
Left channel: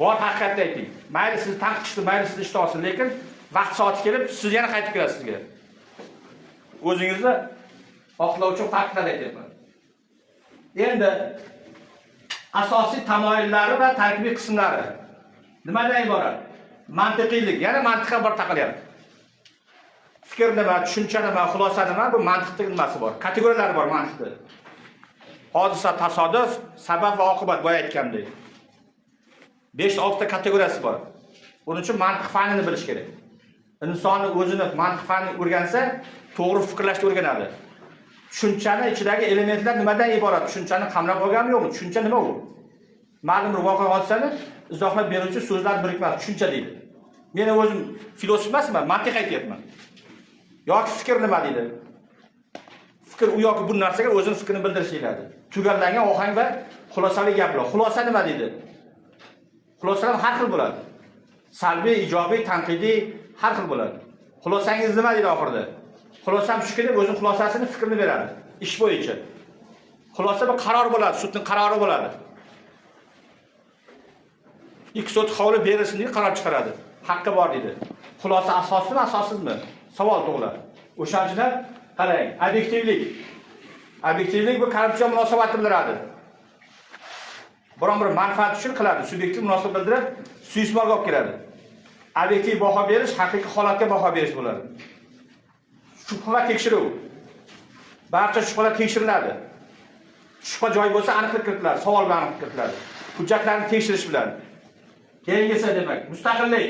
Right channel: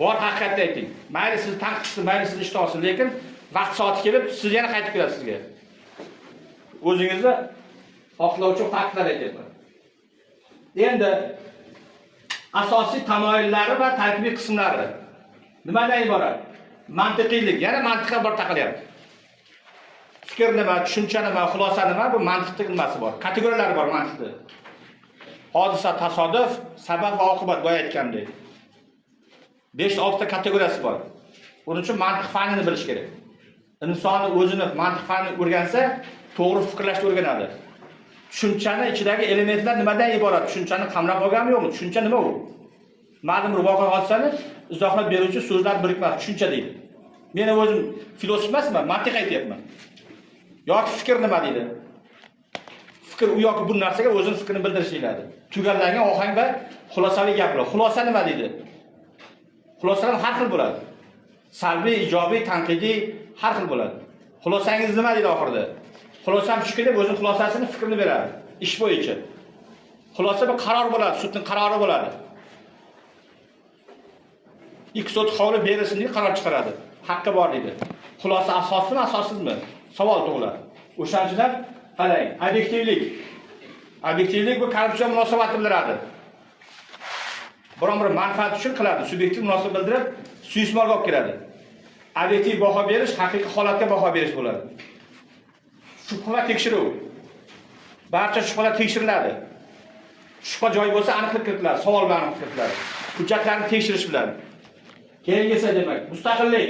Bor haqiqatni ayting. Mayli siz tanqidsiz, mayli siz ishda olsin, lekin vaqt soati kelib siz yana qaytib kelasiz sizga. O'zingizni oqlovchi faktlar aytyapman. Endi asosiy tamoyillari va tarkibiy qismlari nimadan iborat? Mantiqiylik, yana mantiqqa bor taqalyapti. Fikr nima, tushuncha nima, xulosa nima, bu mantiqning nimasi bor. Kategoriyalari bor mantiqda. Hodisa, tasodif, sabab va oqibat boya aytgandek. 5-6 ta kategoriyasi bor. Uning uchun mantiq fanini bilish kerak. Insonni o'zini mantiq fanini o'rgansa, to'g'ri fikrlashni o'rganadi. Tushunchani ichidagi elementlar nimadan iborat? Tushunchani qamrab olganmi yo'qmi? Tushuncha nima u? Ma'lum bir voqea hodisani izohlab beruvchi so'zlar birikmasi tushuncha deydi. Men o'zim filosof emasman, mantiq aytyapman. Yoki fikr nima deydi? Fikr u yoki bu narsaga o'zining fikrini bildirish deyiladi. Tugallangan ohang va xulosaviy gaplar. Xulosa nima deydi? Xulosalar har xil bo'ladi. Salbiy, ijobiy, tanqidiy har xil bo'ladi. Xulosangiz nima deydi oxirida? Xulosam shuki deb o'zining xulosasini, fikrini beradi ish bo'yicha. Xulosa bir qaror bo'ladi, sudning qarori bo'ladi. Ikki sud qovli berilsin deb qaror chiqaradi. Haqqi bor deydi. Xulosa asoslimi, asossizmi? Savol tug'iladi. O'shanchidan qarang, obyektivlik. Obyektivlik bu korrupsiya munosabatini bildiradi. Biron-bir manfaat uchun qiladi, subyektiv munosabat bildirib, suiiste'molga olib keladi. Obyektiv baho berish, haqiqiy holatga baho berish bo'ladi. Shubha tekshiruv. Barcha shubhalar tekshiriladi. Shubha joyi bo'lsa aniqlik kiritiladi, savol bilan aniqlik kiritiladi. Hujjatlarni tekshirish bilan. Keyingisi demak, mustaqillik.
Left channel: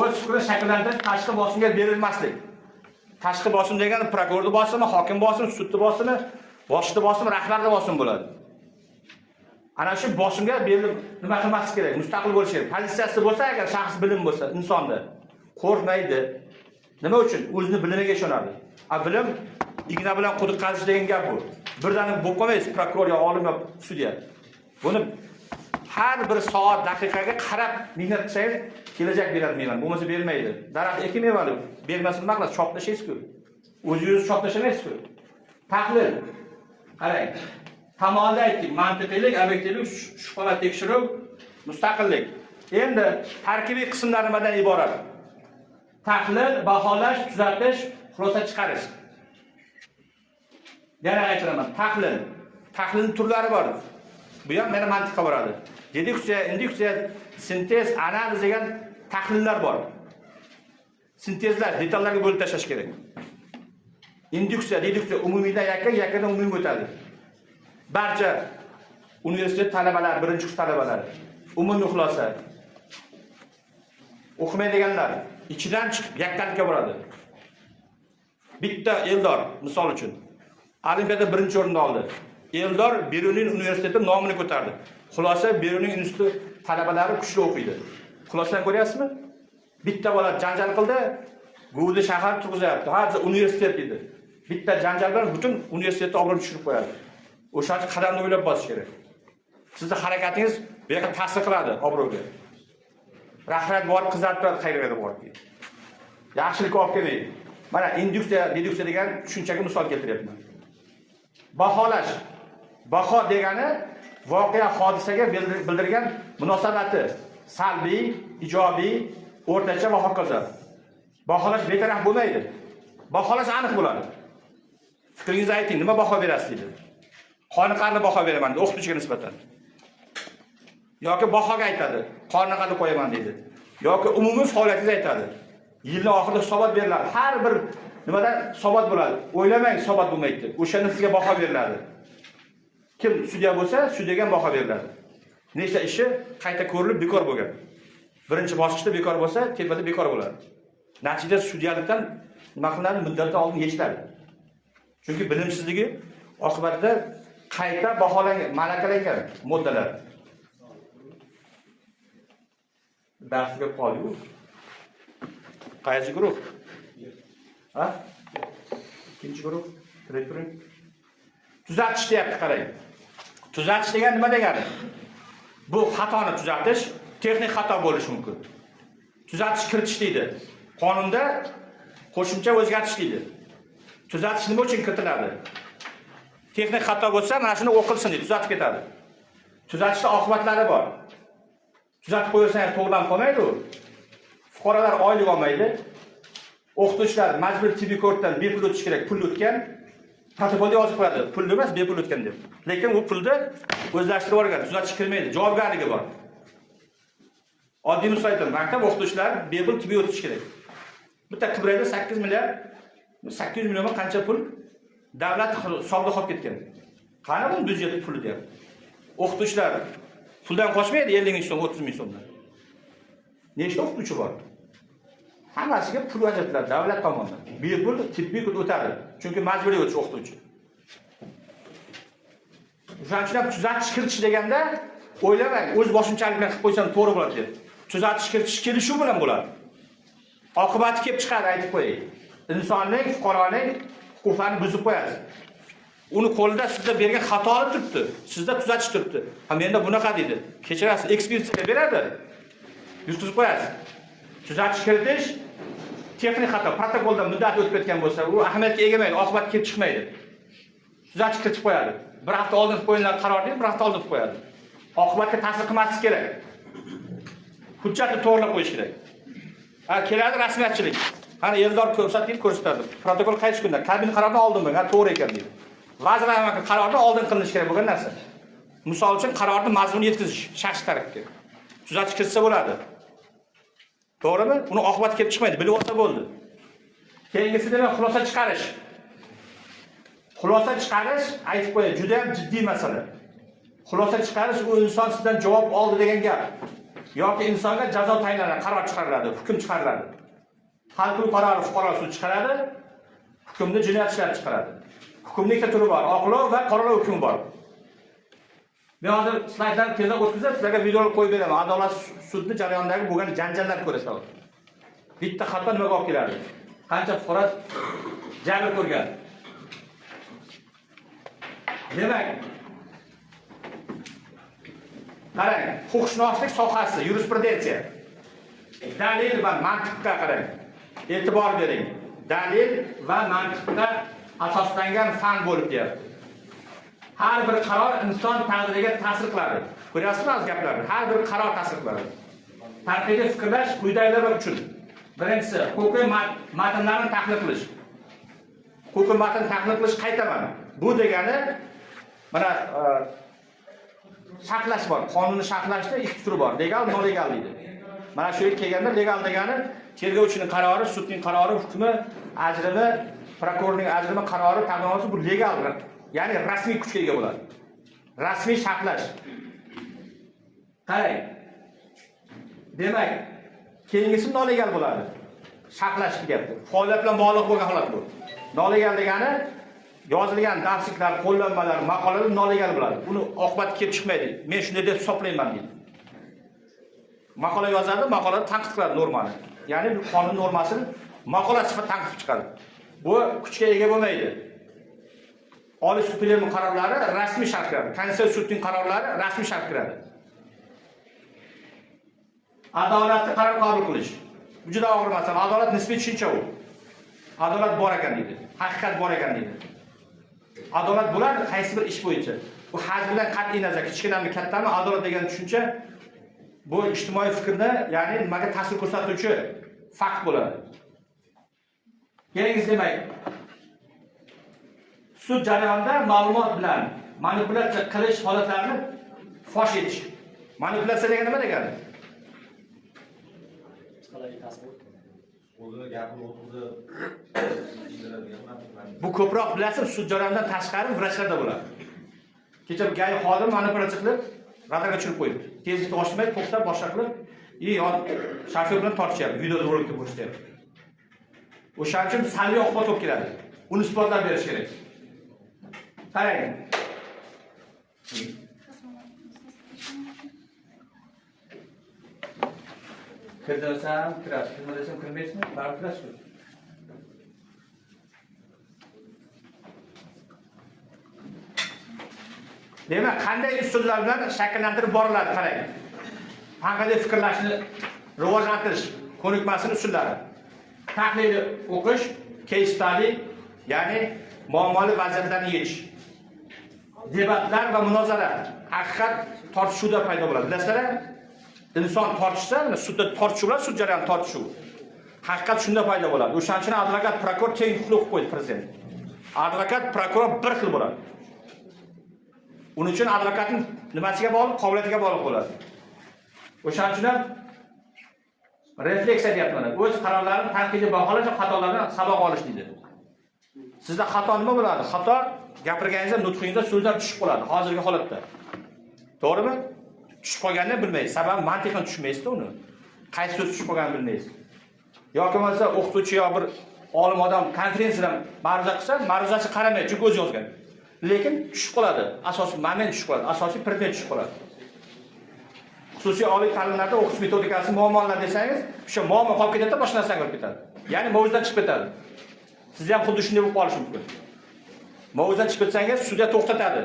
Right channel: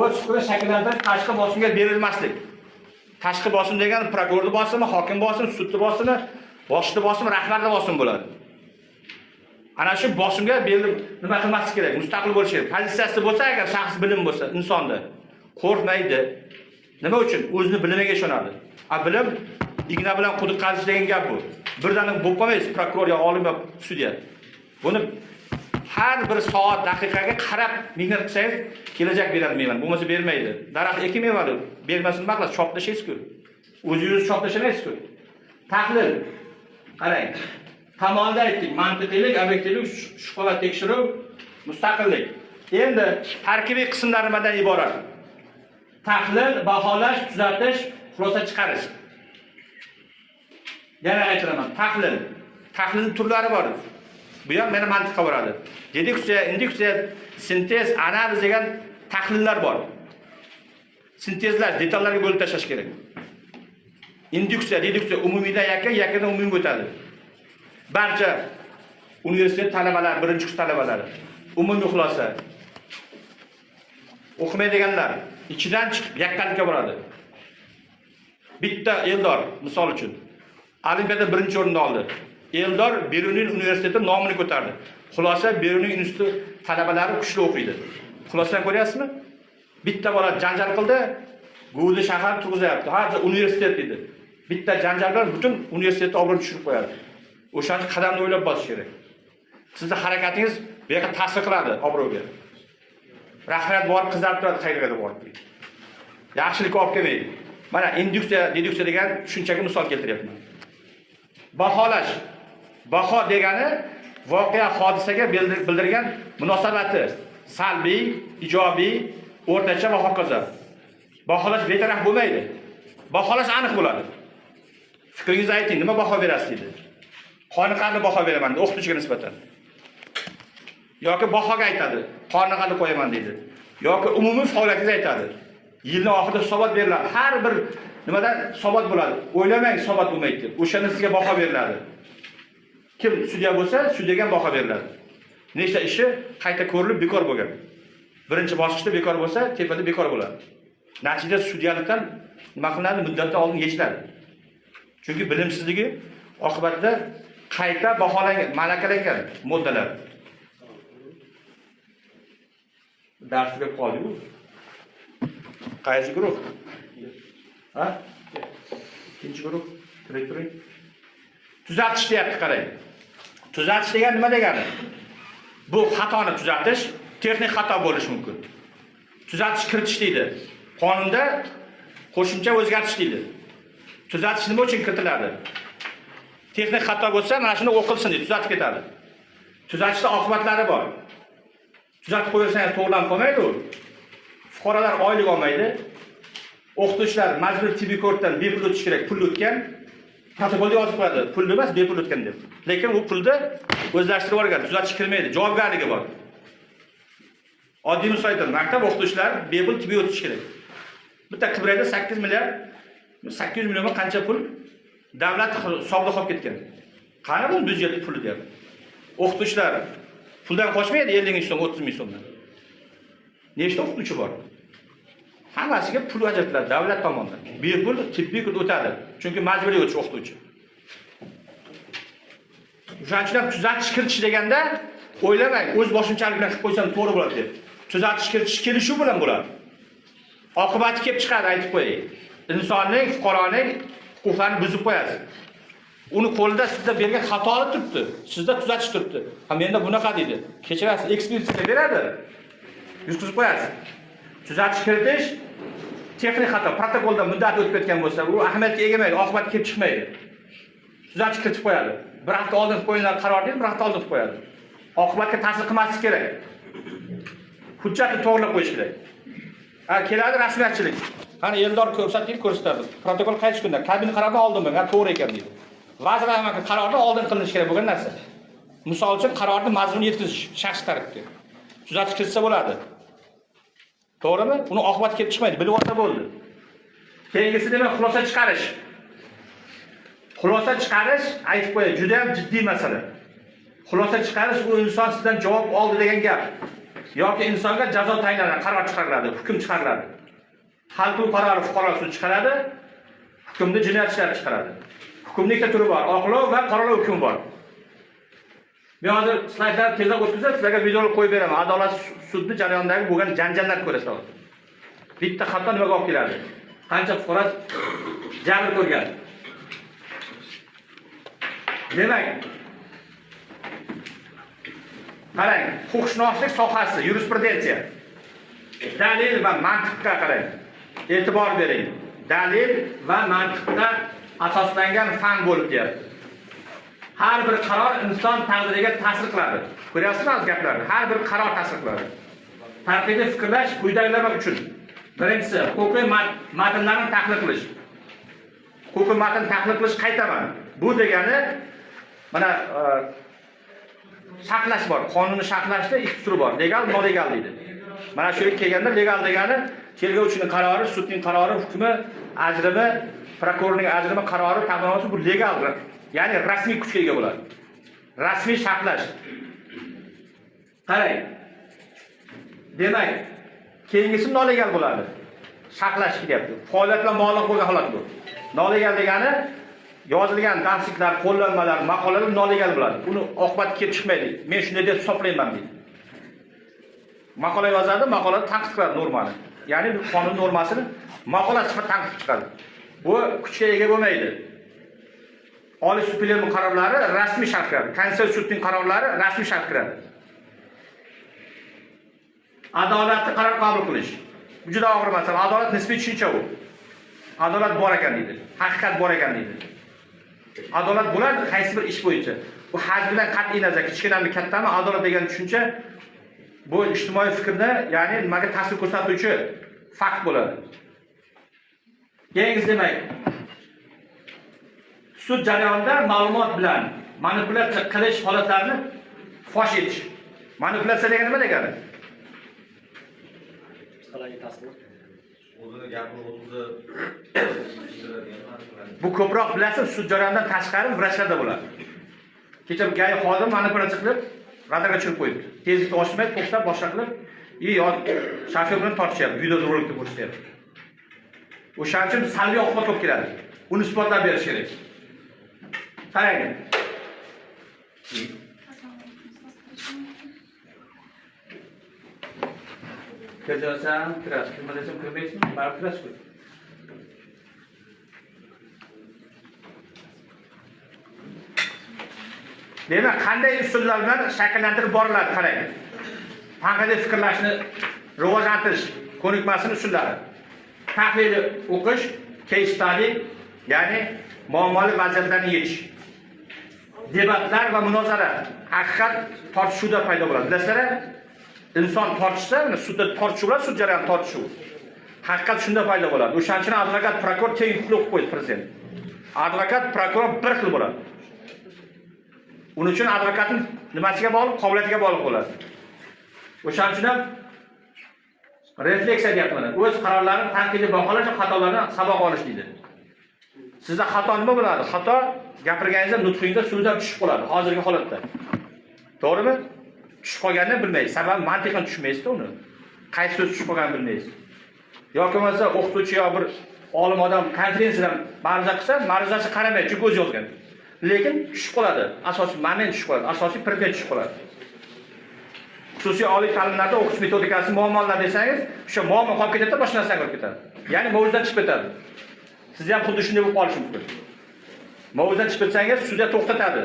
O'z fikrini shakllantirib tashqi bosimga berilmaslik. Tashqi bosim degani prokurorning bosimi, hokim bosimi, sudning bosimi, boshliq bosimi, rahbarning bosimi bo'ladi. Ana shu bosimga berilib nima qilmaslik kerak? Mustaqil bo'lish kerak. Pozitsiyasi bo'lsa, agar shaxs bilim bo'lsa, insonda qo'rqmaydi. Nima uchun? O'zini bilimiga ishonadi. Bilim igna bilan quduq qazish degan gap bu. Birdaniga bo'lib qolmaysiz, prokuror yo olim yo sudya. Buni har bir soat, daqiqaga qarab mehnat qilsangiz, kelajak beradi mevani. Bo'lmasa bermaydi. Daraxt ekmaydi, bermasin nima qilasiz? Choplashingiz-ku. O'zingiz choplashamaysiz-ku. Tahlil. Qarang. Tamoyilda aytdik, mantiqiylik, obyektivlik, shubha tekshiruv, mustaqillik. Endi tarkibiy qismlar nimadan iborat? Tahlil, baholash, tuzatish, xulosa chiqarish. Yana aytaman, tahlil. Tahlilning turlari bor. Bu ham meni mantiqqa boradi. Deduksiya, induksiya, sintez, analiz degan tahlillar bor. Sintezlar detallarga bo'lib tashlash kerak. Induksiya, deduksiya umumiydan yakkadan umumga o'tadi. Barcha universitet talabalari, birinchi kurs talabalari, umumiy xulosa. O'qimaydiganlar ichidan chiqib yakkalikka boradi. Bitta Eldor misol uchun olimpiada birinchi o'rinni oldi. Eldor Berlin universiteti nomini ko'tardi. Xulosa Berlin instituti talabalari kuchli o'qiydi. Xulosani ko'ryapsizmi? Bitta bola janjal qildi, G'udi shahar turg'izayapti. Hozir universitet dedi. Bitta janjal bilan butun universitetni obro'ni tushirib qo'yadi. O'shancha qadamni o'ylab bosish kerak. Sizning harakatingiz bu yerga ta'sir qiladi obro'ga. Rahmat bor, qizarib turadi qayerga borib. Yaxshilik olib kelmaydi. Mana induksiya, deduksiya degan tushunchaga misol keltiryapman. Baholash. Baho degani voqea hodisaga bildirgan munosabati, salbiy, ijobiy, o'rtacha va hokazo. Baholash betaraf bo'lmaydi. Baholash aniq bo'ladi. Fikringizni ayting, nima baho berasiz dedi. Qoniqarli baho beraman dedi o'qituvchiga nisbatan. Yoki bahoga aytadi, qoniqarli qo'yaman dedi. Yoki umumiy faoliyatingizni aytadi. Yilning oxirida hisobot beriladi. Har bir nimadan hisobot bo'ladi. O'ylamang hisobot bo'lmaydi. O'shani sizga baho beriladi. Kim sudya bo'lsa, sudyaga baho beriladi. Nechta ishi qayta ko'rilib bekor bo'lgan. Birinchi bosqichda bekor bo'lsa, tepada bekor bo'ladi. Natijada sudyalikdan nima qilinadi? Muddatdan oldin yechiladi. Chunki bilimsizligi oqibatida qayta baholangan, malakalangan moddalar. Darsga qoldi-ku. Qaysi guruh? Ha? Ikkinchi guruh. Turing. Tuzatish deyapti, qarang. Tuzatish degan nima degani? Bu xatoni tuzatish, texnik xato bo'lishi mumkin. Tuzatish kiritish deydi. Qonunda qo'shimcha o'zgartish deydi. Tuzatish nima uchun kiritiladi? Texnik xato bo'lsa, mana shuni o'qilsin deb tuzatib ketadi. Tuzatishda oqibatlari bor. Tuzatib qo'ysangiz to'g'rilanib qolmaydi u. Fuqarolar oylik olmaydi. O'qituvchilar majburiy tibbiy ko'rikdan bepul o'tish kerak, pul o'tgan. Protokolda yozib qo'yadi, pul emas, bepul o'tgan deb. Lekin u pulni o'zlashtirib olgan, tuzatish kirmaydi, javobgarligi bor. Oddiy misol aytaman, maktab o'qituvchilar bepul tibbiy o'tish kerak. Bitta Qibrayda 8 milliard 800 million qancha pul davlat hisobida qolib ketgan. Qani bu byudjet puli deyapti. O'qituvchilar puldan qochmaydi 50 ming so'm, 30 ming so'mdan. Nechta o'qituvchi bor? Hammasiga pul ajratiladi davlat tomonidan. Bepul tibbiy kurs o'tadi. Chunki majburiy o'tish o'qituvchi. O'shaning uchun tuzatish kiritish deganda o'ylamang, o'z boshimchalik bilan qilib qo'ysam to'g'ri bo'ladi deb. Tuzatish kiritish kelishuv bilan bo'ladi. Oqibati kelib chiqadi, aytib qo'yay. Insonning, fuqaroning huquqlarini buzib qo'yadi. Uni qo'lida sizda bergan xato olib turibdi. Sizda tuzatish turibdi. Ha menda bunaqa deydi. Kechirasiz, ekspertizaga beradi. Yutqizib qo'yadi. Tuzatish kiritish texnik xato, protokolda muddat o'tib ketgan bo'lsa, u ahamiyatga ega emaydi, oqibat kelib chiqmaydi. Tuzatish kiritib qo'yadi. Bir hafta oldin qo'yilgan qaror deydi, bir hafta oldin qo'yadi. Oqibatga ta'sir qilmasligi kerak. Hujjatni to'g'rilab qo'yish kerak. Ha, keladi rasmiyatchilik. Qani Eldor ko'rsatib ko'rsatadi. Protokol qaysi kunda? Kabin qaroridan oldin bo'lgan, to'g'ri ekan deydi. Vazirlar Mahkamasi qaroridan oldin qilinishi kerak bo'lgan narsa. Misol uchun qarorni mazmunini yetkazish shaxs tarafga. Tuzatish kiritsa bo'ladi. To'g'rimi? Uni oqibati kelib chiqmaydi, bilib olsa bo'ldi. Keyingisi demak xulosa chiqarish. Xulosa chiqarish, aytib qo'yay, juda ham jiddiy masala. Xulosa chiqarish u inson sizdan javob oldi degan gap. Yoki insonga jazo tayinlanadi, qaror chiqariladi, hukm chiqariladi. Hal qilib qarori fuqaro sud chiqaradi, hukmni jinoyat ishlari chiqaradi. Hukmning ikkita turi bor, oqlov va qoralov hukmi bor. Men hozir slaydlarni tezroq o'tkazib, sizlarga videoni qo'yib beraman. Adolat sudni jarayonidagi bo'lgan janjallarni ko'rasiz. Bitta xato nimaga olib keladi? Qancha fuqaro jabr ko'rgan. Demak, qarang, huquqshunoslik sohasi, yurisprudensiya. Dalil va mantiqqa qarang. E'tibor bering. Dalil va mantiqqa asoslangan fan bo'lib deyapti. Har bir qaror inson taqdiriga ta'sir qiladi. Ko'ryapsizmi gaplarni? Har bir qaror ta'sir qiladi. Tanqidiy fikrlash quyidagilar uchun. Birinchisi, huquqiy matnlarni tahlil qilish. Huquqiy matn tahlil qilish qaytaman. Bu degani mana sharhlash bor. Qonunni sharhlashda ikki turi bor. Legal, nolegal deydi. Mana shu kelganda legal degani tergovchining qarori, sudning qarori, hukmi, ajrimi, prokurorning ajrimi, qarori, taqdimoti bu legal. Ya'ni rasmiy kuchga ega bo'ladi. Rasmiy sharhlash. Qarang. Demak, keyingisi nolegal bo'ladi. Sharhlash deyapti. Faoliyat bilan bog'liq bo'lgan holat bu. Nolegal degani yozilgan darsliklar, qo'llanmalar, maqolalar nolegal bo'ladi. Uni oqibati kelib chiqmaydi. Men shunday deb hisoblayman deydi. Maqola yozadi, maqolani tanqid qiladi normani. Ya'ni bu qonun normasini maqola sifatida tanqid chiqaradi. Bu kuchga ega bo'lmaydi. Oliy sud plenumi qarorlari rasmiy shart kiradi. Konstitutsiya sudning qarorlari rasmiy shart kiradi. Adolatli qaror qabul qilish. Bu juda og'ir masala. Adolat nisbiy tushuncha bu. Adolat bor ekan deydi. Haqiqat bor ekan deydi. Adolat bo'ladi qaysi bir ish bo'yicha. Bu hajmidan qat'iy nazar, kichkinami, kattami, adolat degan tushuncha bu ijtimoiy fikrni, ya'ni nimaga ta'sir ko'rsatuvchi fakt bo'ladi. Keyingisi demak, sud jarayonida ma'lumot bilan manipulyatsiya qilish holatlarini fosh etish. Manipulyatsiya degani nima degani? O'zini gapini o'tizib Bu ko'proq bilasiz, sud jarayonidan tashqari vrachlarda bo'ladi. Kecha gay xodim manipulyatsiya qilib, radarga tushirib qo'yibdi. Tezlikni oshirmay, to'xtab boshqa qilib, shofyor bilan tortishyapti, videorolikda ko'rsatyapti. O'shaning uchun salbiy oqibat olib keladi. Uni isbotlab berish kerak. Qarang. Kirdirsam, kirasiz, kirmasam kirmaysizmi? Baribir kirasiz. Demak, qanday usullar bilan shakllantirib boriladi, qarang. Qanday fikrlashni rivojlantirish ko'nikmasining usullari. Tahlil o'qish, case study, ya'ni muammoli vaziyatlarni yechish. Debatlar va munozara, haqiqat tortishuvda paydo bo'ladi. Bilasizlar, inson tortishsa, sudda tortishuvlar, sud jarayoni tortishuv. Haqiqat shunda paydo bo'ladi. O'shaning uchun advokat, prokuror teng huquq qo'ydi prezident. Advokat, prokuror bir xil bo'ladi. Uning uchun advokatning nimasiga bog'liq, qobiliyatiga bog'liq bo'ladi. O'shaning uchun ham refleksiya deyapman. O'z qarorlarini tanqidiy baholash, xatolardan saboq olish deydi. Sizda xato nima bo'ladi? Xato gapirganingizda, nutqingizda so'zlar tushib qoladi, hozirgi holatda. To'g'rimi? Tushib qolganini bilmaysiz. Sababi mantiqan tushunmaysiz-da uni. Qaysi so'z tushib qolganini bilmaysiz. Yoki bo'lmasa o'qituvchi yo bir olim odam konferensiyadan ma'ruza qilsa, ma'ruzasi qaramay, chunki o'zi yozgan. Lekin tushib qoladi. Asosiy moment tushib qoladi. Asosiy predmet tushib qoladi. Xususiy oliy ta'limlarda o'qish metodikasi muammolar desangiz, o'sha muammo qolib ketadi, boshqa narsaga olib ketadi. Ya'ni mavzudan chiqib ketadi. Sizga ham xuddi shunday bo'lib qolishi mumkin. Mavzudan chiqib ketsangiz, sudya to'xtatadi.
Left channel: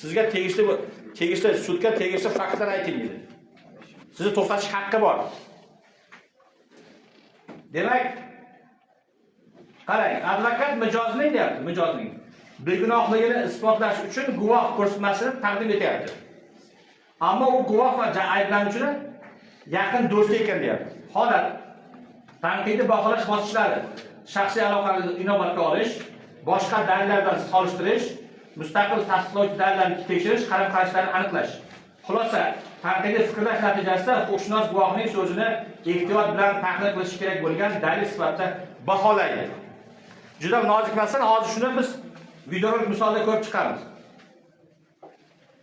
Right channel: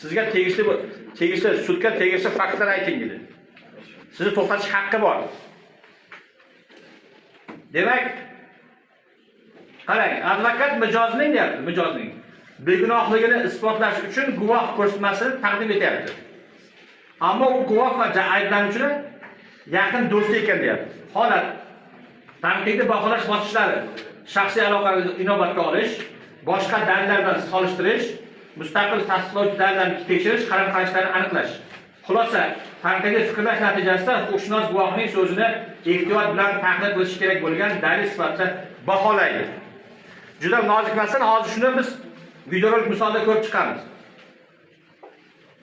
Sizga tegishli sudga tegishli faktlar ayting dedi. Sizni to'xtatish haqqi bor. Demak, qarang, advokat mijozning deyapti, mijozning begunohligini isbotlash uchun guvoh ko'rsatmasini taqdim etyapti. Ammo u guvoh va ayblanuvchini yaqin do'sti ekan deyapti. Holat tanqidiy baholash bosqichlari, shaxsiy aloqani inobatga olish, boshqa dalillar bilan solishtirish, mustaqil tasdiqlovchi dalillarni tekshirish, qaram-qarashlarni aniqlash. Xulosa, tanqidiy fikrlash natijasida huquqshunos guvohning so'zini ehtiyot bilan tahlil qilish kerak bo'lgan dalil sifatida baholaydi. Juda nozik masala, hozir shuni biz videorolik misolda ko'rib chiqamiz.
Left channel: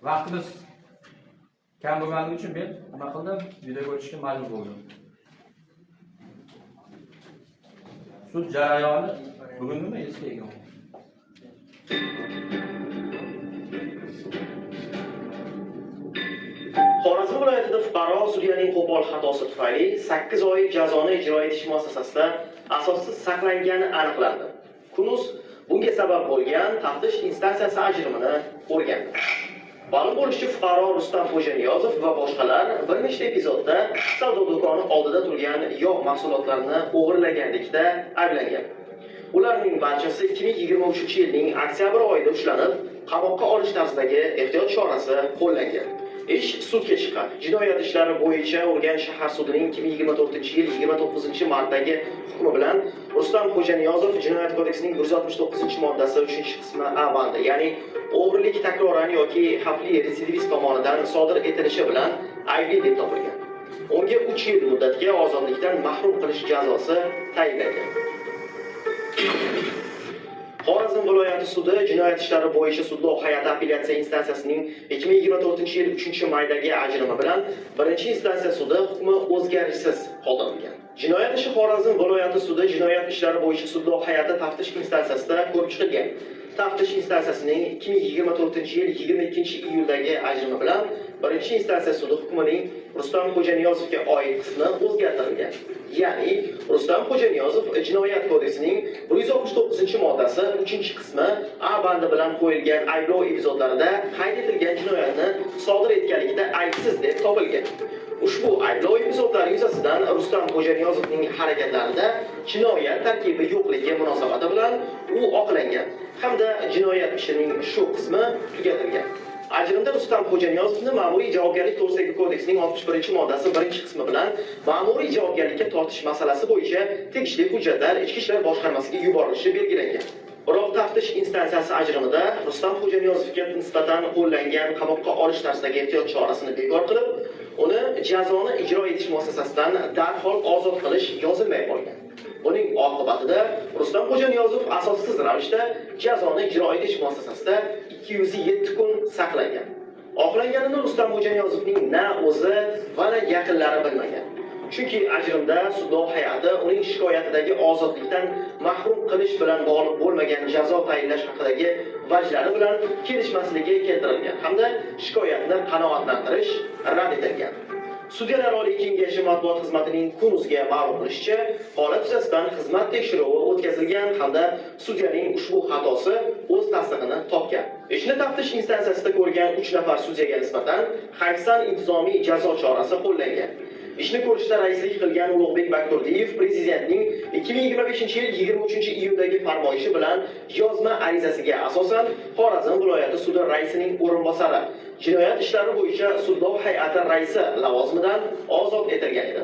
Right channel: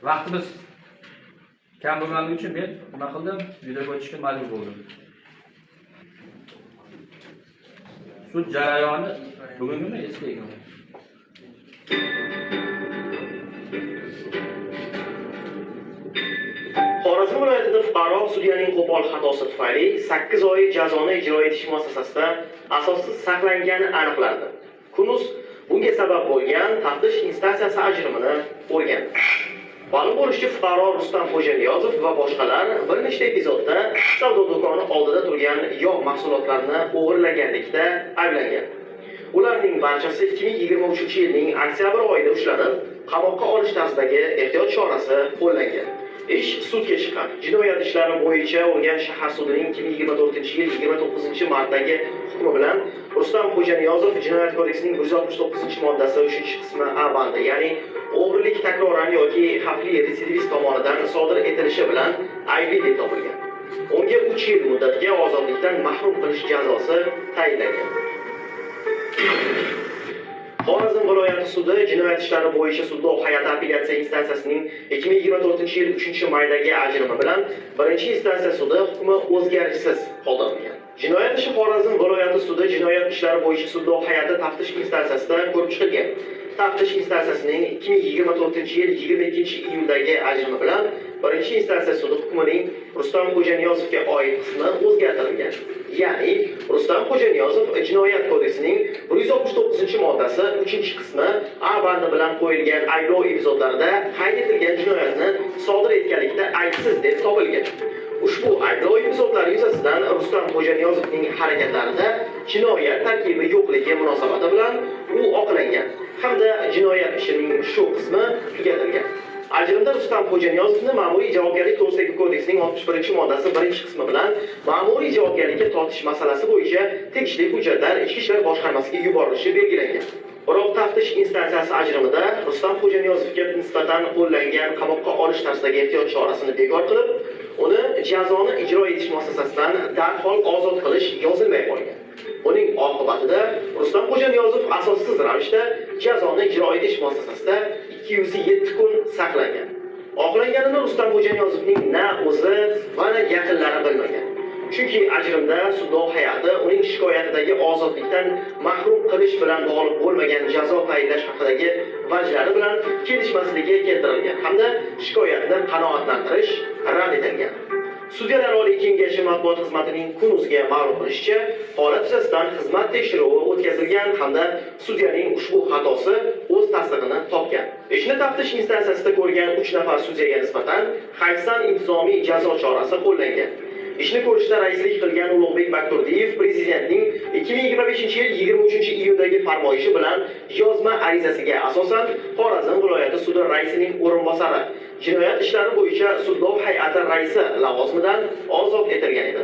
Vaqtimiz kam bo'lganligi uchun men nima qildim? Video ko'rishga majbur bo'ldim. Sud jarayoni bugunmi eski ekan? Xorazm viloyatida fuqaro sudyaning qo'pol xatosi tufayli 8 oy jazoni ijro etish muassasasida asossiz saqlangani aniqlandi. Kunuz bunga sabab bo'lgan taftish instansiyasi ajrimini o'rgandi. Ma'lum bo'lishicha, fuqaro Rustam Xo'janiyozov va boshqalar bir nechta epizodda savdo do'koni oldida turgan yog' mahsulotlarini o'g'irlaganlikda ayblangan. Ularning barchasi 2023-yilning oktyabr oyida ushlanib, qamoqqa olish tarzidagi ehtiyot chorasi qo'llangan. Ish sudga chiqqan. Jinoyat ishlari bo'yicha Urganch shahar sudining 2024-yil 29-martdagi hukmi bilan Rustam Xo'janiyozov Jinoyat kodeksining 169-moddasi 3-qismi A bandi, ya'ni o'g'rilik takroran yoki xavfli retsidivist tomonidan sodir etilishi bilan aybli deb topilgan. Unga 3 yil muddatga ozodlikdan mahrum qilish jazosi tayinlangan. Xorazm viloyati sudi jinoyat ishlari bo'yicha sudlov hay'ati apellyatsiya instansiyasining 2024-yil 3-maydagi ajrimi bilan birinchi instansiya sudi hukmi o'zgarishsiz qoldirilgan. Jinoyat ishi Xorazm viloyati sudi jinoyat ishlari bo'yicha sudlov hay'ati taftish instansiyasida ko'rib chiqilgan. Taftish instansiyasining 2024-yil 22-iyuldagi ajrimi bilan birinchi instansiya sudi hukmining Rustam Xo'janiyozovga oid qismi o'zgartirilgan. Ya'ni Rustam Xo'janiyozov Jinoyat kodeksining 169-moddasi 3-qismi A bandi bilan qo'yilgan ayblov epizodlarida qayd etilgan jinoyatni sodir etganlikda aybsiz deb topilgan. Ushbu ayblov epizodlari yuzasidan Rustam Xo'janiyozovning harakatlarida jinoyat tarkibi yo'qligi munosabati bilan u oqlangan hamda jinoyat ishining shu qismi tugatilgan. Ajrimda Rustam Xo'janiyozovni ma'muriy javobgarlik to'g'risidagi kodeksning 61-moddasi 1-qismi bilan ma'muriy javobgarlikka tortish masalasi bo'yicha tegishli hujjatlar Ichki ishlar boshqarmasiga yuborilishi belgilangan. Biroq taftish instansiyasi ajrimida Rustam Xo'janiyozovga nisbatan qo'llangan qamoqqa olish tarzidagi ehtiyot chorasini bekor qilib, uni jazoni ijro etish muassasasidan darhol ozod qilish yozilmay qolgan. Buning oqibatida Rustam Xo'janiyozov asossiz ravishda jazoni ijro etish muassasasida 207 kun saqlangan. Oqlanganini Rustam Xo'janiyozovning na o'zi va na yaqinlari bilmagan. Chunki ajrimda sudlov hay'ati uning shikoyatidagi ozodlikdan mahrum qilish bilan bog'liq bo'lmagan jazo tayinlash haqidagi vajlari bilan kelishmasligi keltirilgan hamda shikoyatni qanoatlantirish rad etilgan. Sudyalar Oliy Kengashi matbuot xizmatining Kun.uzga ma'lum qilishicha, holat yuzasidan xizmat tekshiruvi o'tkazilgan hamda sudyaning ushbu xatosi o'z tasdig'ini topgan. Ishni taftish instansiyasida ko'rgan 3 nafar sudyaga nisbatan hayfsan intizomiy jazo chorasi qo'llangan. Ishni ko'rishda raislik qilgan Ulug'bek Bakturdiyev prezidentning 2025-yil 23-iyundagi farmoyishi bilan yozma arizasiga asosan Xorazm viloyati sudi raisining o'rinbosari, jinoyat ishlari bo'yicha sudlov hay'ati raisi lavozimidan ozod etilgan edi.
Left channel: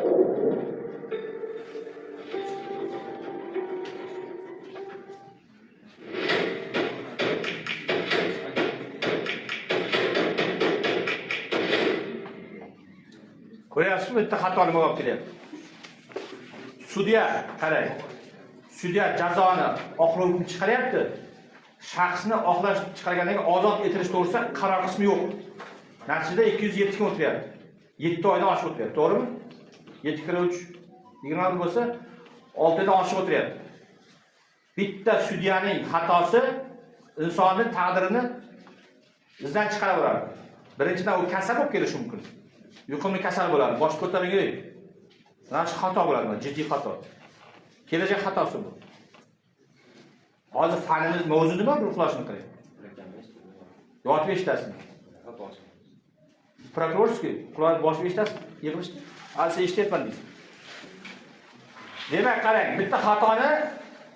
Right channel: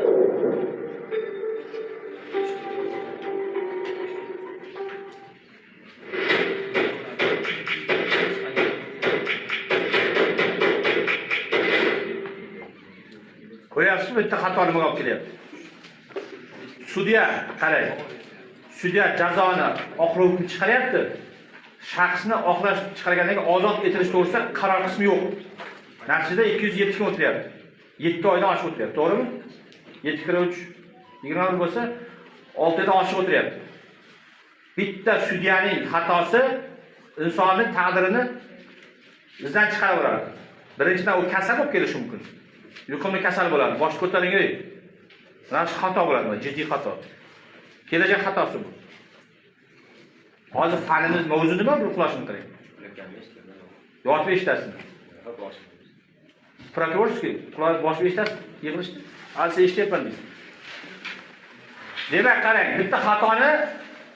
Qo'yasiz, bitta xatoni olib kelyapti. Sudya, qarang. Sudya jazoni oqlovni chiqaryapti. Shaxsni oqlash chiqargandan keyin ozod etilish to'g'risida qaror qismi yo'q. Natijada 207 kun o'tyapti. 7 oydan oshib o'tyapti, to'g'rimi? 7 kira 3 20 bo'lsa 6 oydan oshib o'tyapti. Bitta sudyaning xatosi insonning taqdirini bizdan chiqaraveradi. Birinchidan u kasal bo'lib kelishi mumkin. Yuqumli kasal bo'ladi, bosh ko'taring. Mana shu xato bo'ladi, jiddiy xato. Kelajak xatosi bu. Hozir fanimiz mavzu nima bu uxlashni qiling. Yotib eshitasizmi? Prokurorskiy, quloq boshib eshitasiz, yig'ilishdi. Hozir eshityapman deysiz. Demak, qarang, bitta xatoni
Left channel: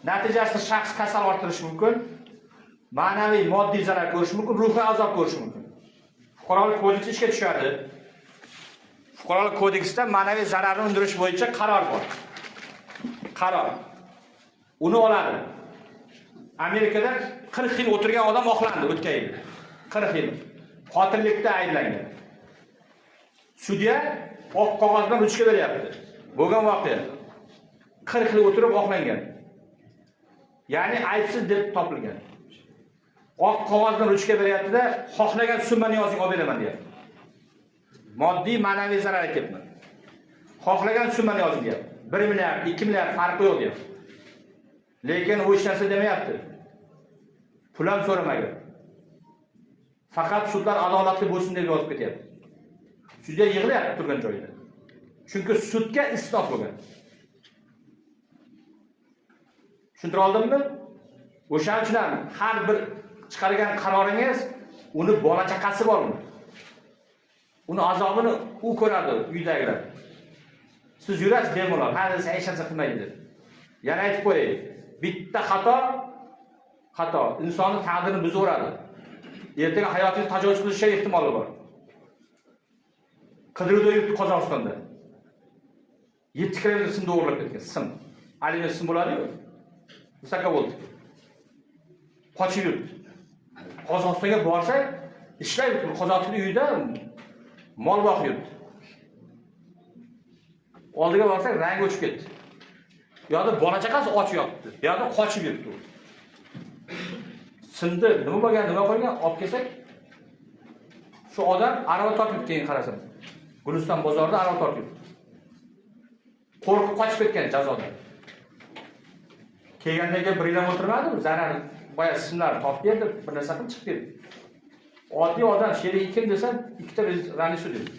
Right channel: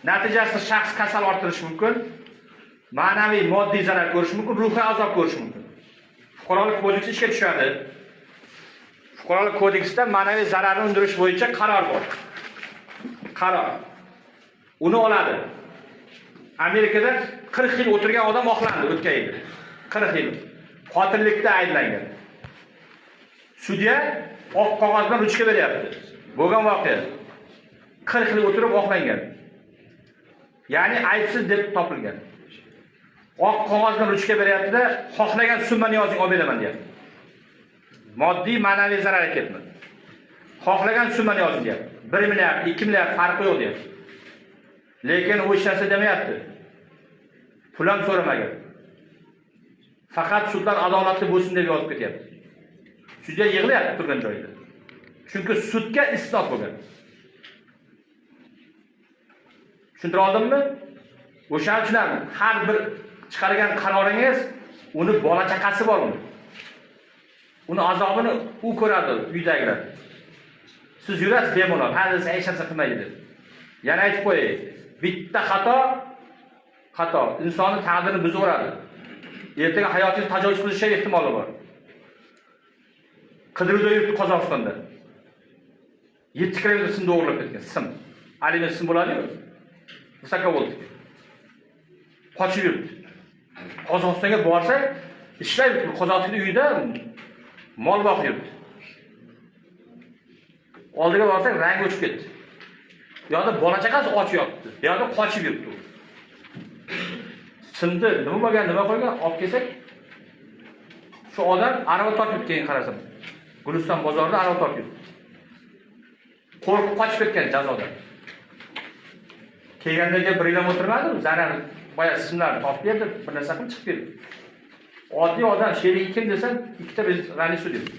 natijasida shaxs kasal orttirishi mumkin, ma'naviy, moddiy zarar ko'rishi mumkin, ruhiy azob ko'rishi mumkin. Fuqarolik kodeksi ishga tushadi. Fuqarolik kodeksida ma'naviy zararni undirish bo'yicha qaror bor. Qaror. Uni oladi. Amerikada 40 yil o'tirgan odam oqlandi o'tgan yil. 40 yil. Qotillikda ayblangan. Sudya oq qog'oz bilan ruchka beryapti. Bo'lgan voqea. 40 yil o'tirib oqlangan. Ya'ni aybsiz deb topilgan. Oq qog'oz bilan ruchka beryapti-da, xohlagan summani yozing, olib beraman deyapti. Moddiy, ma'naviy zarar ketdi. Xohlagan summani yozing deyapti. 1 milliard, 2 milliard farqi yo'q deyapti. Lekin u hech narsa demayapti. Pul ham so'ramagan. Faqat sudlar adolatli bo'lsin deb yozib ketyapti. Sudya yig'layapti turgan joyida. Chunki sudga isloh bo'lgan. Tushuntira oldimmi? O'shaning uchun har bir chiqargan qaroringiz uni bola chaqasi bormi? Uni azobini u ko'radi uydagilar. Siz yurasiz bemalol, hali hech narsa qilmaydi. Yana aytib qo'yay, bitta xato insonni taqdirini buzaveradi. Ertaga hayotingiz tajovuz qilishi ehtimoli bor. Qidiruvda yuribdi Qozog'istonda. 7 kilometr simda o'g'irlab ketgan, sim. Aliment sim bo'ladi-ku. Visokovoltga. Qochib yuribdi. Qozog'istonga borsa, ishlaydi, Qozog'iston uyida mol boqib yuribdi. Oldiga borsak, rangi o'chib ketdi. Bu yoqda bola chaqasi och yotibdi. Bu yoqda qochib yuribdi. Simda nima bo'lgan, nima qo'ygan, olib kelsak, shu odam arava tortib keyin qarasam, Guliston bozorida arava tortib. Qo'rqib qochib ketgan jazodan. Kelgandagi bir yil o'tirmadi, zarar boya simlarni topib berdi, bir narsa qilib chiqib ketdi. Oddiy odam sherik kim desam, ikkita rani sud edi.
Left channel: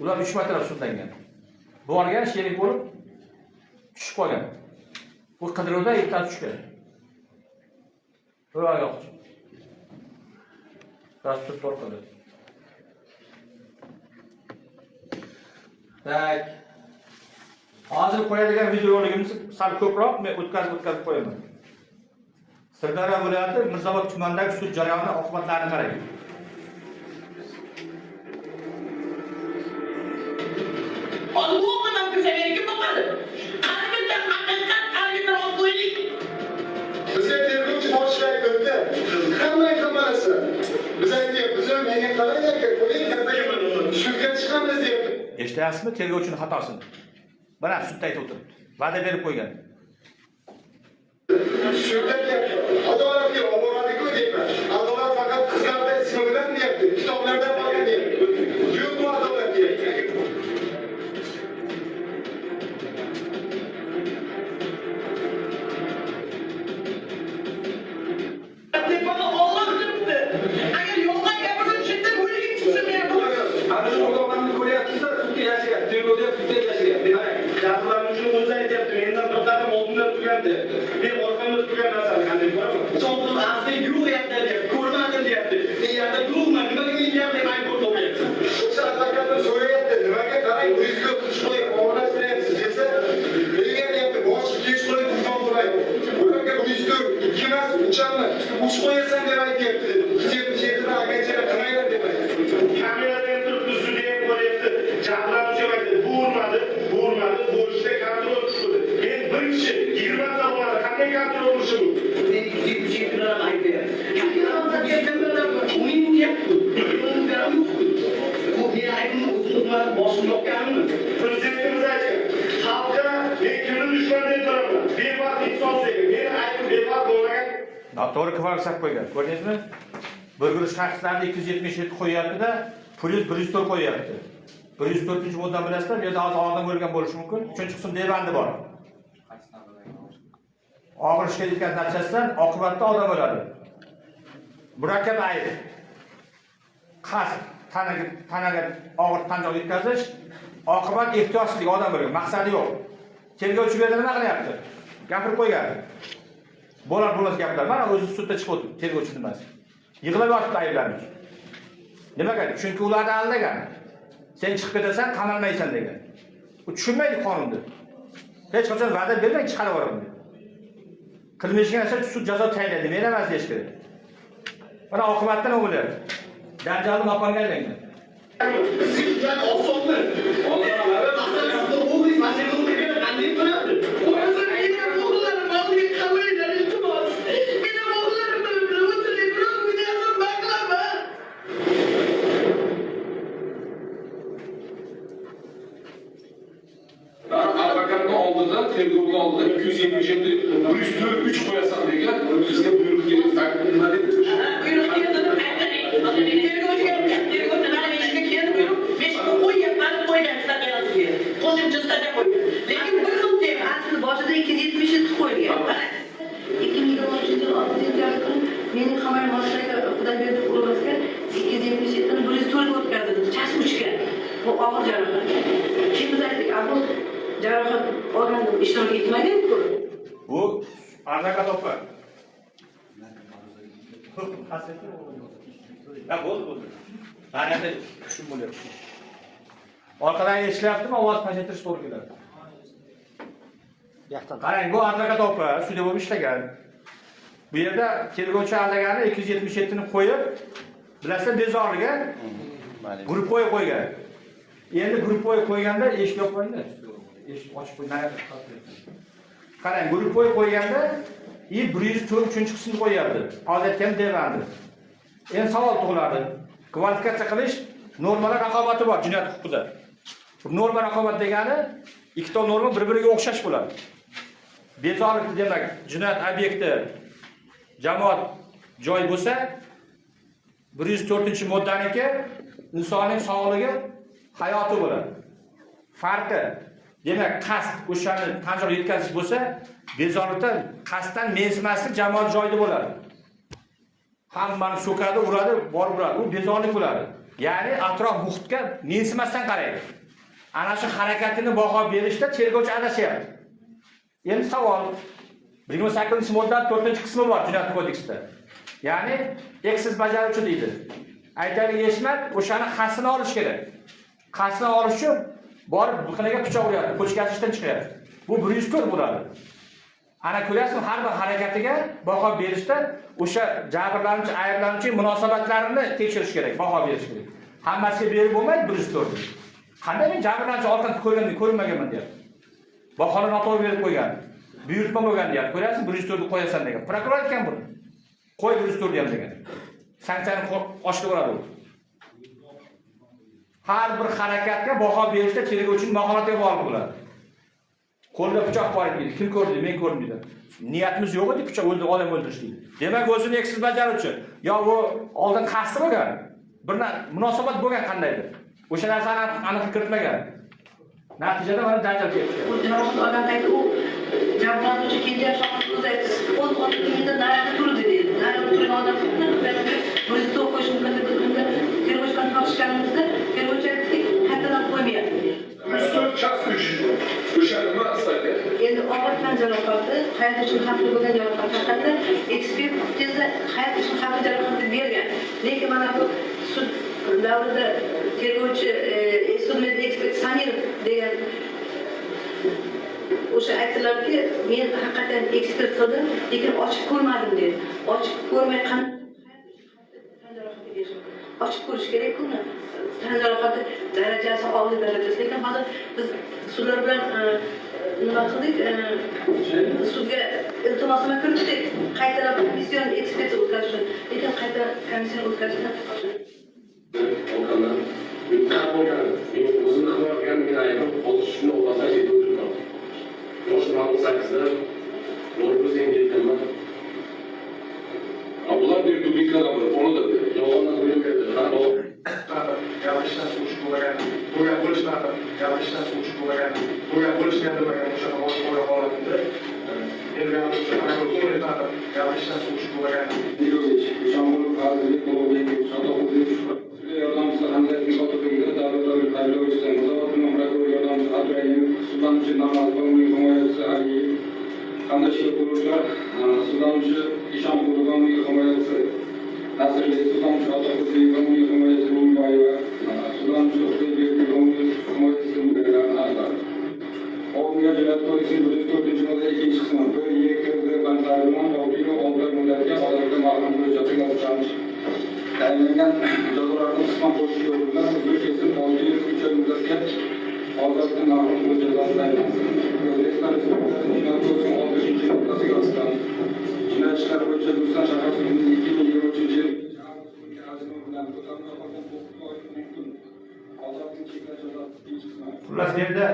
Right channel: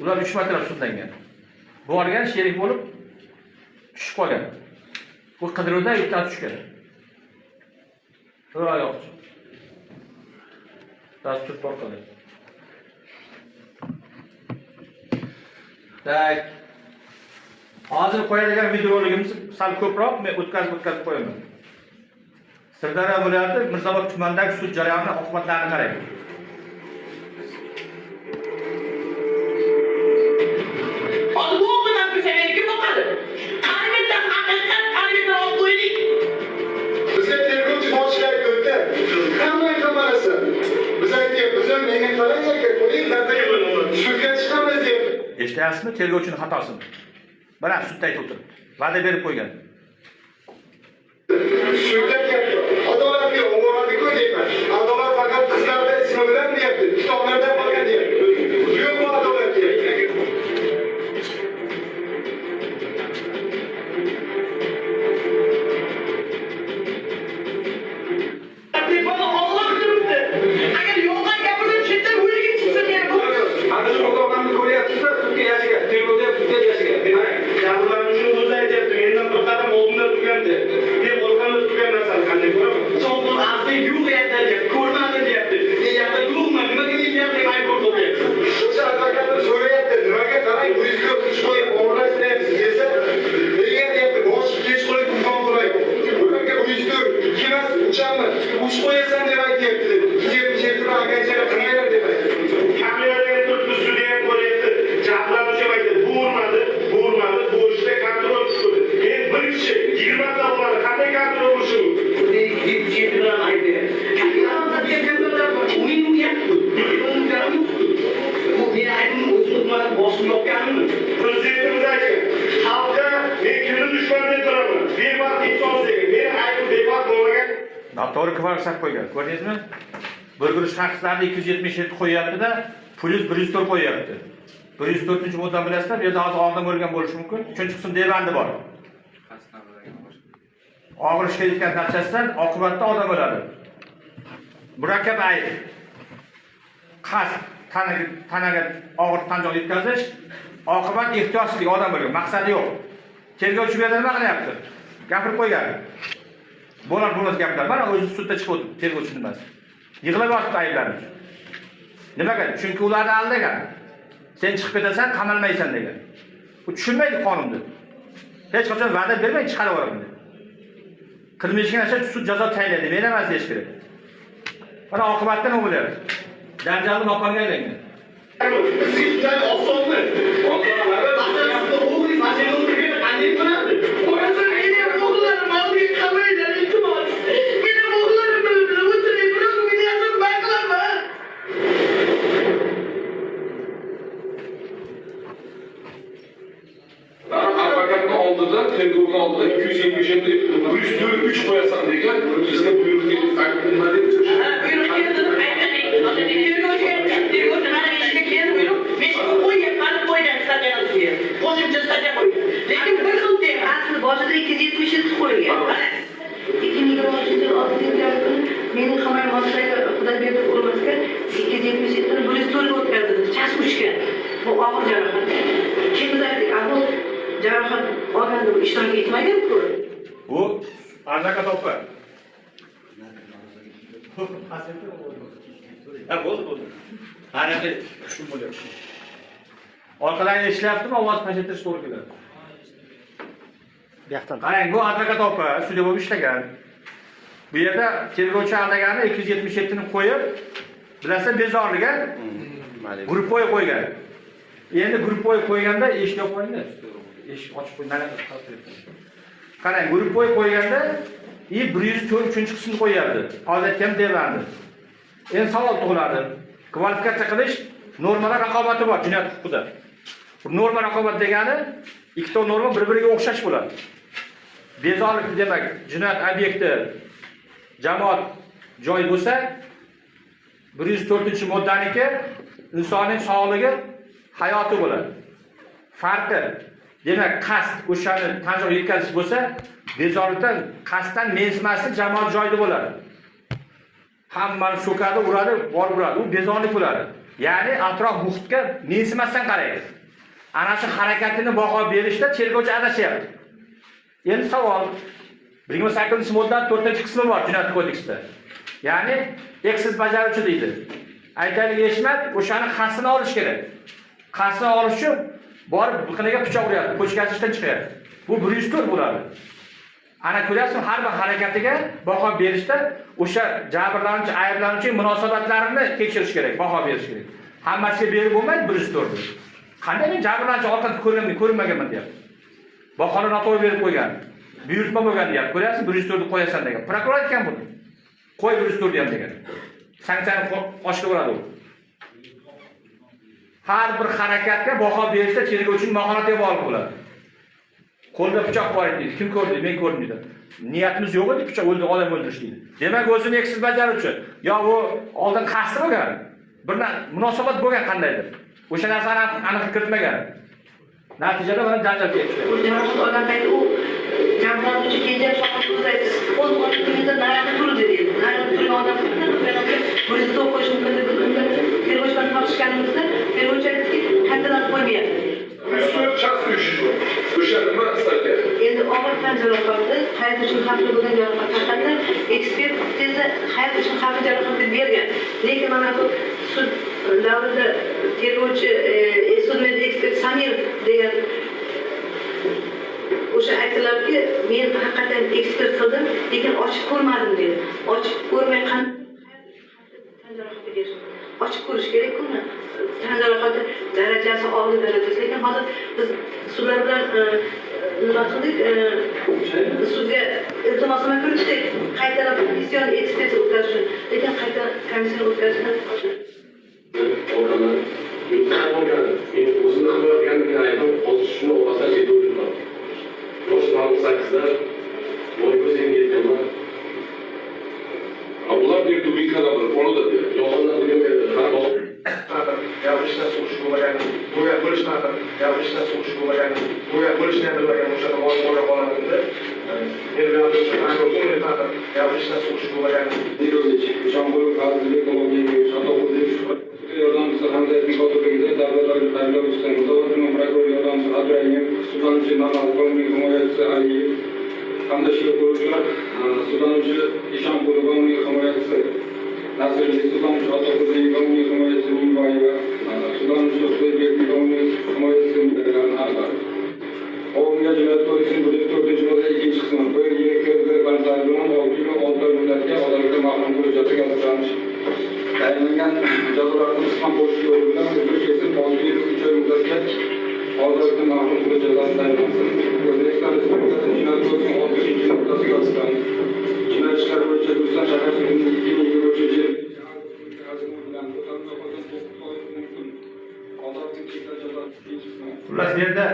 Ular 3 marta sudlangan. Borgan sherik bo'lib tushib qolgan. Bu qidiruvda ikkita tushgan. To'g'ri yo'qchi. Dastur tortadi. Tak. Hozir qo'yadigan videoligimiz sal ko'proq, men o'tkazib qo'yaman. Sirdaryo viloyati Mirzobod tumanidagi sud jarayoni oqibatlarini qarang. Bizga Bilasizmi, tergovchining xatosini? Mana sudda aytib o'tiribdi. Va'da berib qo'ygan. Sudda adolatga oboradi-ku deyman. Adolat faqat qizlarda ismi bilan deyapti. Kitoblarda qolgan deyapti. Yo'qmi adolat deyapti. Uch qo'yasan deb aytyapti. 277 akachalar qilmaylar deb aytyapti. Hammalarga turibdi sudya bo'lyapti. Jabrlanuvchi aytdi, bo'rmadi, bo'rishda kontrol tushdi. Men bir kishi 20 ta bor, qanday kontrol qilishi mumkin? Yigitlar aytdi. Hammalarga kelganlar uning uyatdi. Bu men aytdim, o'zimizdan boshqa yo'qkanmi? Prezidentimiz aytgan, xalqqa men kuni dushman deb turaman. Bevaqt inson degan. Men aytdim, bevaqt bo'lmagan. Noto'g'ri kvarksat qo'ygan. Ko'rdingizmi? Bir guruch shaxslarni 277 qo'yapti-da, plyus 104 qo'yapti. 104-moddani bilasizlar, bu yerda hozir oldin bo'lgan bo'lishi mumkin. 3-qism devandi bor. Og'ir ishga yetgan natijasidan oqibatda odam o'ladi. Murakkab ayb. Qasd tanaga og'ir tan jarohat yetkazish, oqibat ehtiyotsizlik odam o'lgan, maqsadi yo'q. Tergovchi bu yerda nima qilyapti? Gapirib qo'ygan. Bo'lar gaplar. Mana o'zi sudda chiqib o'tdi, tergovchi nimasi. Yig'lab yotibdi ayblanuvchi. Nimaga? Chunki ularni aldagan. Sen chiqib ketasan, qamalmaysan degan. U tushunmaydi qonunni. Hech qachon va'da bermay chiqarib yuboradi. Qilmishgan narsa sud jazo tayinlaydi, men emas deyish kerak. Mana oqibatda nima bo'lyapti? Janjalni makonga aylangan. Sizdan osonmi? Advokatni oldida, tergovni oldida 277 3 qo'yasan degan bizga buyruq keldi. Nima deb buyruq keldi. Tergovchi mana ishga keldi buyruq. Men qo'ygan stadionga. Qo'shimcha stadion qo'ygan. Lekin bir xil tema. Asli boshida 277 qo'yilgan. 2023-yil 6 kuni mening himoya mas'uliga Xudoyberdi o'rnatga 277 104 o'tkazildi. Chas uchgan. Bu og'ir jarohat. Kim aytdi? Bu jarohat olganda ishtirok etmagan-ku. Bu advokat opa. Ha, bo'ldi. Qanaqa shu bo'lyapti. Orqadan ishlayaptimi, ovoz pasaytirish to'g'ri keladi. Bu yoqdan. Qarang, bu advokat opa sudya bo'lib ishlagan. Bu yerda tergovchi aldagani 277 ni qo'yib, bilasizlar bezorliga guruh qo'ygan. Endi guruh qo'yganda eshik yopmaydi. Eshik ochib qo'ygan. Qarang, guruh qo'yganda 104-qismni qo'yadi. Hozir aytgan devandi. Endi savol tug'iladi. Kvalifikatsiya qilish normalar raqobati bor jinoyat huquqida. Bu norma raqobat degani ikkita norma bir-biriga o'xshash bo'ladi. Bezorilik demak, jinoyat obyekti jamoat joy bo'lsa, 104-moddaniki insonning sog'ligi, hayoti bo'ladi. Farqi demak, qasd o'shani tan jarohat yetkazish bo'lsa, bezorilikdan qasddan mensimaslik jamoat joyida bo'ladi. Hammani so'kadi, uradi, borib uradi. U bezorilik bo'ladi. Ya'ni atrof muhitga mensimasdan qaraydi. Ana shu harakatini baho berishda tergovchi adashyapti. Endi savol 28-modda 4-qismi bor Jinoyat kodeksida. Ya'ni eksiz bajaruvchi deydi. Aytaylik Eshmat o'shani qasdini olish kerak. Qasdini olish uchun borib biqiniga pichoq uradi, ko'chkazishdan chiqadi. Bu 104 bo'ladi. Ana ko'ryapsizmi, har bir harakatiga baho berishda o'sha jabrlanuvchi, ayblanuvchi munosabatlarini tekshirish kerak, baho berish kerak. Hammasiga berib bo'lmaydi 104. Qanday jabrlanuvchi orqadan ko'rmaganman deyapti. Bahoni noto'g'ri berib qo'ygan. Buyurtma bo'lgan deyapti. Ko'ryapsiz, 104 ni qo'yasan degan. Prokuror aytgan buni. Qo'y 104 ham degan. Sanksiyani oshirib uradi u. har bir harakatga baho berishda tergovchi mahorat ham olib bo'ladi. Qo'lda pichoq bor edi, kim ko'rdi, men ko'rdim dedi. Niyatimiz yo'q edi pichoq o'ldirib odam o'ldirish deydi. Demak, o'zini eksiz bajaruvchi, yo bu oldin qasdi bo'lgan, bir munosabat bo'lgan qandaydir. O'sha narsani aniq kiritmagan. Natijada mana janjal ketdi. Jarohat olgan payti u jabrlanuvchi kenja shohid o'zi aytdi. Qo'l qo'lingizda naryoqda turdi dedi. Naryoqda turgan odam o'zida o'qish mumkin deb unda tergovchilarni tortishganimizda tergovchi aytdiki, qaytadan qo'ymayapti. 104 chas uyushdi. O'sha nima statiya? Endi og'ir tan jarohati, hayot uchun xavfli bo'lgan jarohat haqida ekspertiza hayot uchun xavfli jarohat deb bergan. Lekin mana bu sud davrida tergovchi sudmen ekspert Samirov degan o'sha aytdilarki, men haqiqatan ekspert qildim, lekin ochib ko'rmadim dedi. Ochib ko'rmay qanday tan jarohati berish? Ochib ko'rish kerak-ku. Tan jarohati darajasi og'ir darajasi. Lekin hozir biz sudlar bilan nima qildik? Sudga iltimosnoma kiritdik. Qaytadan komission ekspertiza o'tkazish, lekin qayta komission o'tkazishdan Orqadan yurtdan bo'lgan, men o'zimni qilayotganligini aytib, hozir shuni o'rtadan yetib o'tirdim. Yoshman 8da voy o'zim yetganman. Abdullah deb tubiklar bor, onu da yolg'ondan bilmaydi. Gapishdan suvchi bo'lmagan, to'ya bo'lishni haqida, gapishdan suvchi bo'lmagan, to'ya bo'lishni ham bilmagan o'sha bo'lgan holatida men bilan o'sha ko'ngil taqib, gapishdan suvchi bo'lmagan. Nilovich, Jombo'rov Fazil Ekologiya Sotog'udev yordamchisi Hamza Nikotovligida davlat oliy usta Muzorat tuman prokuror yordamchisi Abdurayim, sudlanuvchi Namazov, uning himoyachisi Aliyev, qandaychilik quruvchilar, sudlanuvchi Ishonqulov, uning himoyachisi Nasriddin, sudlanuvchi Otaquddin, uning himoyachisi Mingboyeva, sudlanuvchi Xudoybek, uning himoyachisi Mingboyeva. Ovomiga jinoyat kodeksining 4-yilda 2-qismi bir yil bandlar bilan 6 yil 6 muddatga ozodlikdan mahrum qilish jazosiga hozirlanish. Tayinlangan jazolarni qisman qo'shish yo'li bilan uzr kesim 6 yil 3 oy muddatga ozodlikdan mahrum qilish jazosi tayinlansin. O'zbekiston Respublikasining jinoyat kodeksining 6-moddasiga asosan jinoyat ishlari bo'yicha O'zbekiston shahar sudining 2023 yil Xullas, bu yerda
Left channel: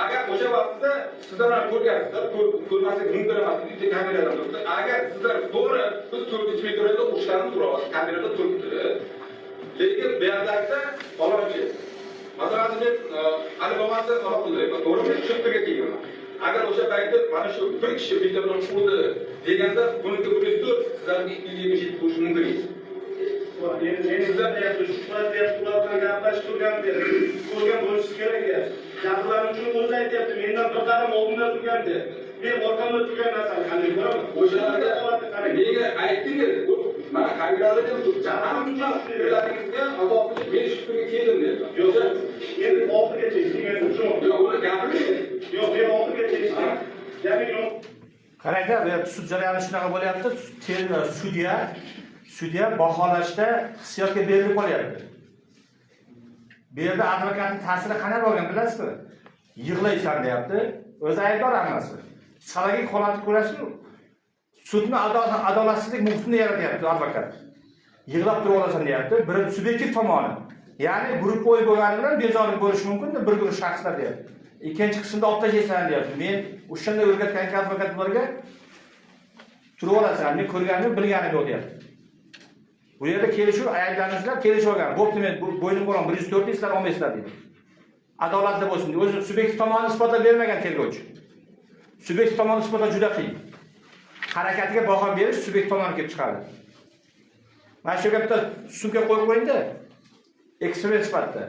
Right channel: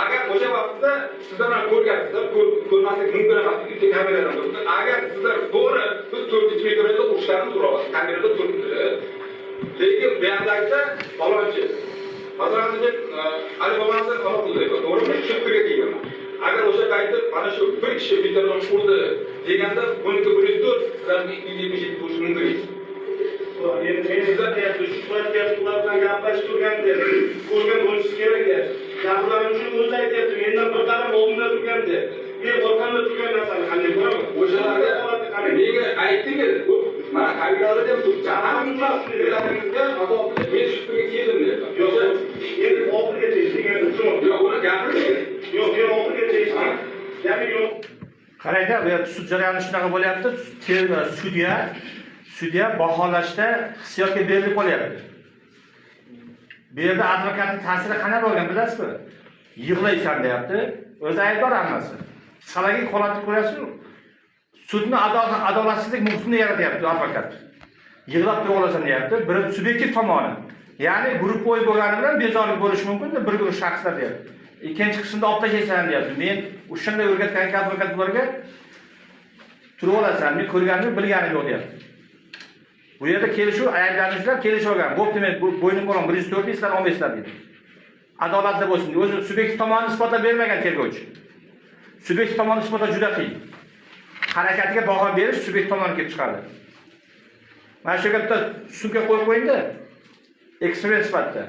agar o'sha vaqtda sizlar mana ko'rgansizlar, ko'rmaslik mumkin emas deb kameralar bo'ldi. Agar sizlar to'g'ri biz 4-chi mikrofonda urushlarni so'rayapmiz. Kamerada turibdi. Lekin bu yerdagida falonchi masalan deb Ali Bomasini qamoq qildi. To'g'rimi? Shu fikr kelgan. Agar o'sha paytda mana shu bir kishi bittadan urdi deganda buniki 104 sizlarga 277 bo'lishi mumkin edi. Men sizlar deyapti, shu paytda ular bilan gaplashish turganda, ko'rgan bo'lishi kerak edi. Jabrlanuvchining o'zi aytyapti, mendan bir qadam oldinda turganda, men orqamda turgan narsani qanday ko'raman? O'shalarga nega aytdingiz? Mana kamerada ham turibdi. Hamma shundaligingizga azobli men shu fikrga keldim deyapman. Yo'q, endi oxirigacha eshitgan shu. Yo'q, uni gapirish kerak. Yo'q, men oxirigacha eshitgan. Ya'ni yo'q. qarangda, bu yerda sud jarayoni shunaqa bo'lyapti. Sudya baholashda hissiyotga berilib qolyapti. Bu yerda advokatning ta'siri qanday bo'lgan bilasizmi? Yig'laysan deyapti. O'zi aybdor hammasi. Psixologik holatni ko'rasizmi? Sudni adolatsizlik muhitini yaratyapti advokat. Yig'lab tura olasan deyapti. Bir subyektiv tomoni. Ya'ni guruh o'y bo'lgani bilan bezorilik bo'lishi mumkin, bir guruh shaxslar deyapti. Ikkinchi qismda olib tashlaysan deyapti. Men o'shanda o'rgatgan advokatlarga turib olasan, men ko'rganim, bilganim yo'q deyapti. Bu yerda kelishuv, ayblanuvchilar kelishib olgan. Bo'pti, men bo'ynim bo'lgan 104 islar 15 islar deydi. Adolatli bo'lsin. O'zi subyektiv tomonini isbotlab bermagan tergovchi. Subyektiv tomonni isbotlash juda qiyin. Harakatiga baho berish subyektiv tomonni kelib chiqadi. Mana shu yerga sumka qo'yib qo'yingda. Ekspress sifatida.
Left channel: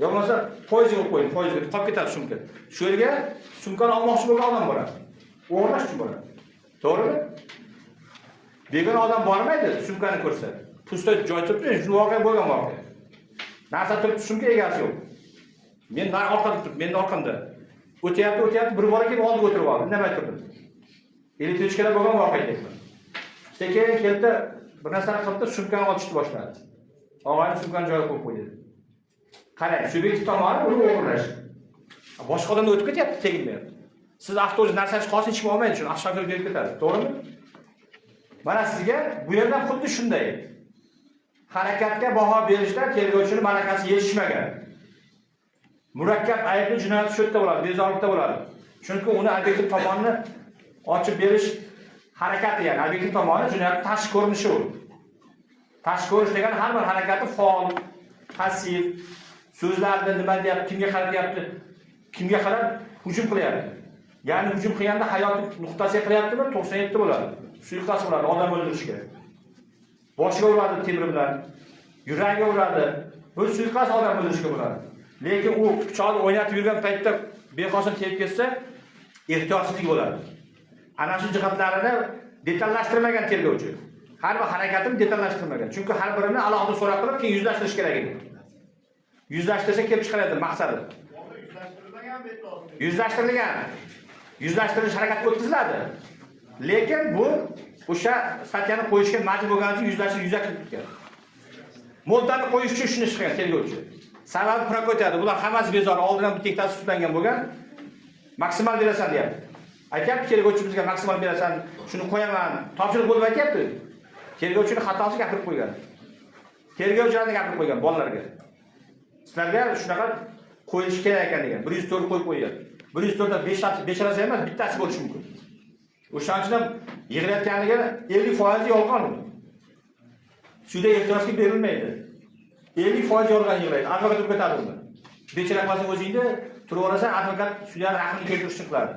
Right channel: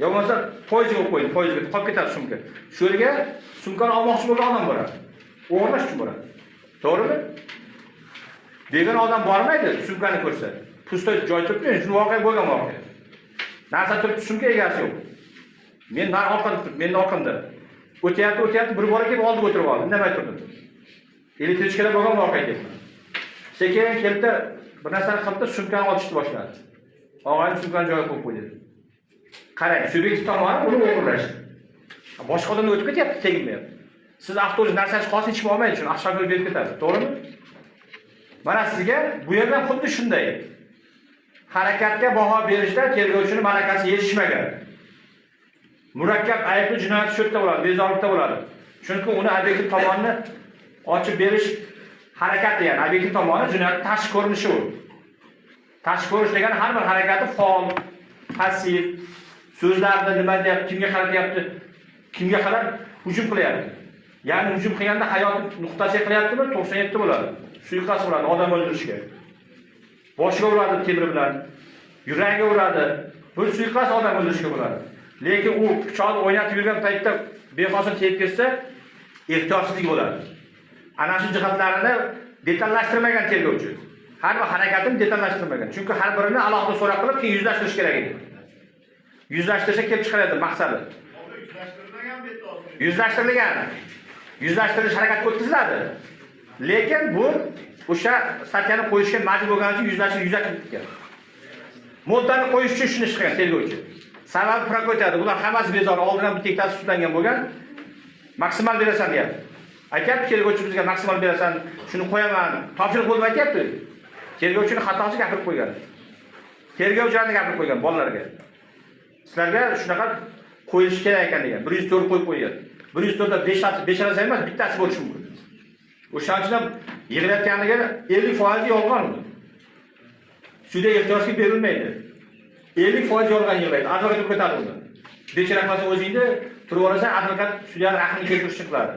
Yo bo'lmasa poyezga qo'yib qo'ying, poyezga qolib ketadi sumka. Shu yerga sumkani olmoqchi bo'lgan odam boradi. O'g'irlash uchun boradi. To'g'rimi? Degan odam bormaydi, sumkani ko'rsa. Pusto joy turibdi, shu voqea bo'lgan voqea. Narsa turibdi, sumka egasi yo'q. Men orqada turibman, mening orqamda. O'tyapti, bir bola kelib oldiga o'tirib oldi. Nima turdim? Elektrichkalar bo'lgan voqea deyapman. Sekin keldi, bir narsani qildi, sumkani ochishni boshladi. Og'ayni sumkani joyiga qo'yib qo'ydi. Qarang, subyektiv tomoni buni o'g'irlash. Boshqa odamga o'tib ketyapti, tegilmayapti. Siz avtobus narsasi qolsa hech kim olmaydi, shuni avtoshofyor berib ketadi. To'g'rimi? Mana sizga bu yerdan xuddi shunday. Harakatga baho berishda tergovchining malakasi yetishmagan. Murakkab aybli jinoyat shu yerda bo'ladi, bezorilikda bo'ladi. Chunki uni obyektiv tomonni ochib berish harakati, ya'ni obyektiv tomoni jinoyat tashqi ko'rinishi u. Tashqi ko'rish degani har bir harakati faol, passiv, so'zlarni nima deyapti, kimga qaratyapti, kimga qarab hujum qilyapti. Ya'ni hujum qilganda hayot nuqtasiga qilyaptimi? 97 bo'ladi. Suiqasd bo'ladi odam o'ldirishga. Boshiga uradi temir bilan, yuragiga uradi. Bu suiqasd odam o'ldirishga bo'ladi. Lekin u pichoqni o'ynatib yurgan paytda bexosini tegib ketsa, ehtiyotsizlik bo'ladi. Ana shu jihatlarini detallashtirmagan tergovchi. Har bir harakatini detallashtirmagan. Chunki har birini alohida so'roq qilib, keyin yuzlashtirish kerak edi. Yuzlashtirsa kelib chiqaradi maqsadi. Yuzlashtirilgan. Yuzlashtirish harakati o'tkaziladi. Lekin bu o'sha statyani qo'yishga majbur bo'lgani uchun yuzlashtirilgan. Moddani qo'yish uchun shuni ishlagan tergovchi. Sababi prokuratura, bular hammasi bezori, oldindan bir tektasi sudlangan bo'lgan. Maksimal berasan deyapti. Aytyapti tergovchi bizga maksimal berasan, shuni qo'yaman. Topshiriq bo'lib aytyapti. Tergovchining xatosi gapirib qo'ygan. Tergovchilarni gapirib qo'ygan bolalarga. Sizlarga shunaqa qo'yilishi kerak ekan degan. 104 qo'yib qo'ygan. 104 da 5 narsa emas, bittasi bo'lishi mumkin. O'shaning uchun yig'layotganligi 50% yolg'on uni. Sudda ehtiyojga berilmaydi. 50% yolg'on yig'laydi. Advokat ketadi unda. Bechara qolsa o'zingni turib olasan, advokat sudyaning aqlini keltirishni qiladi.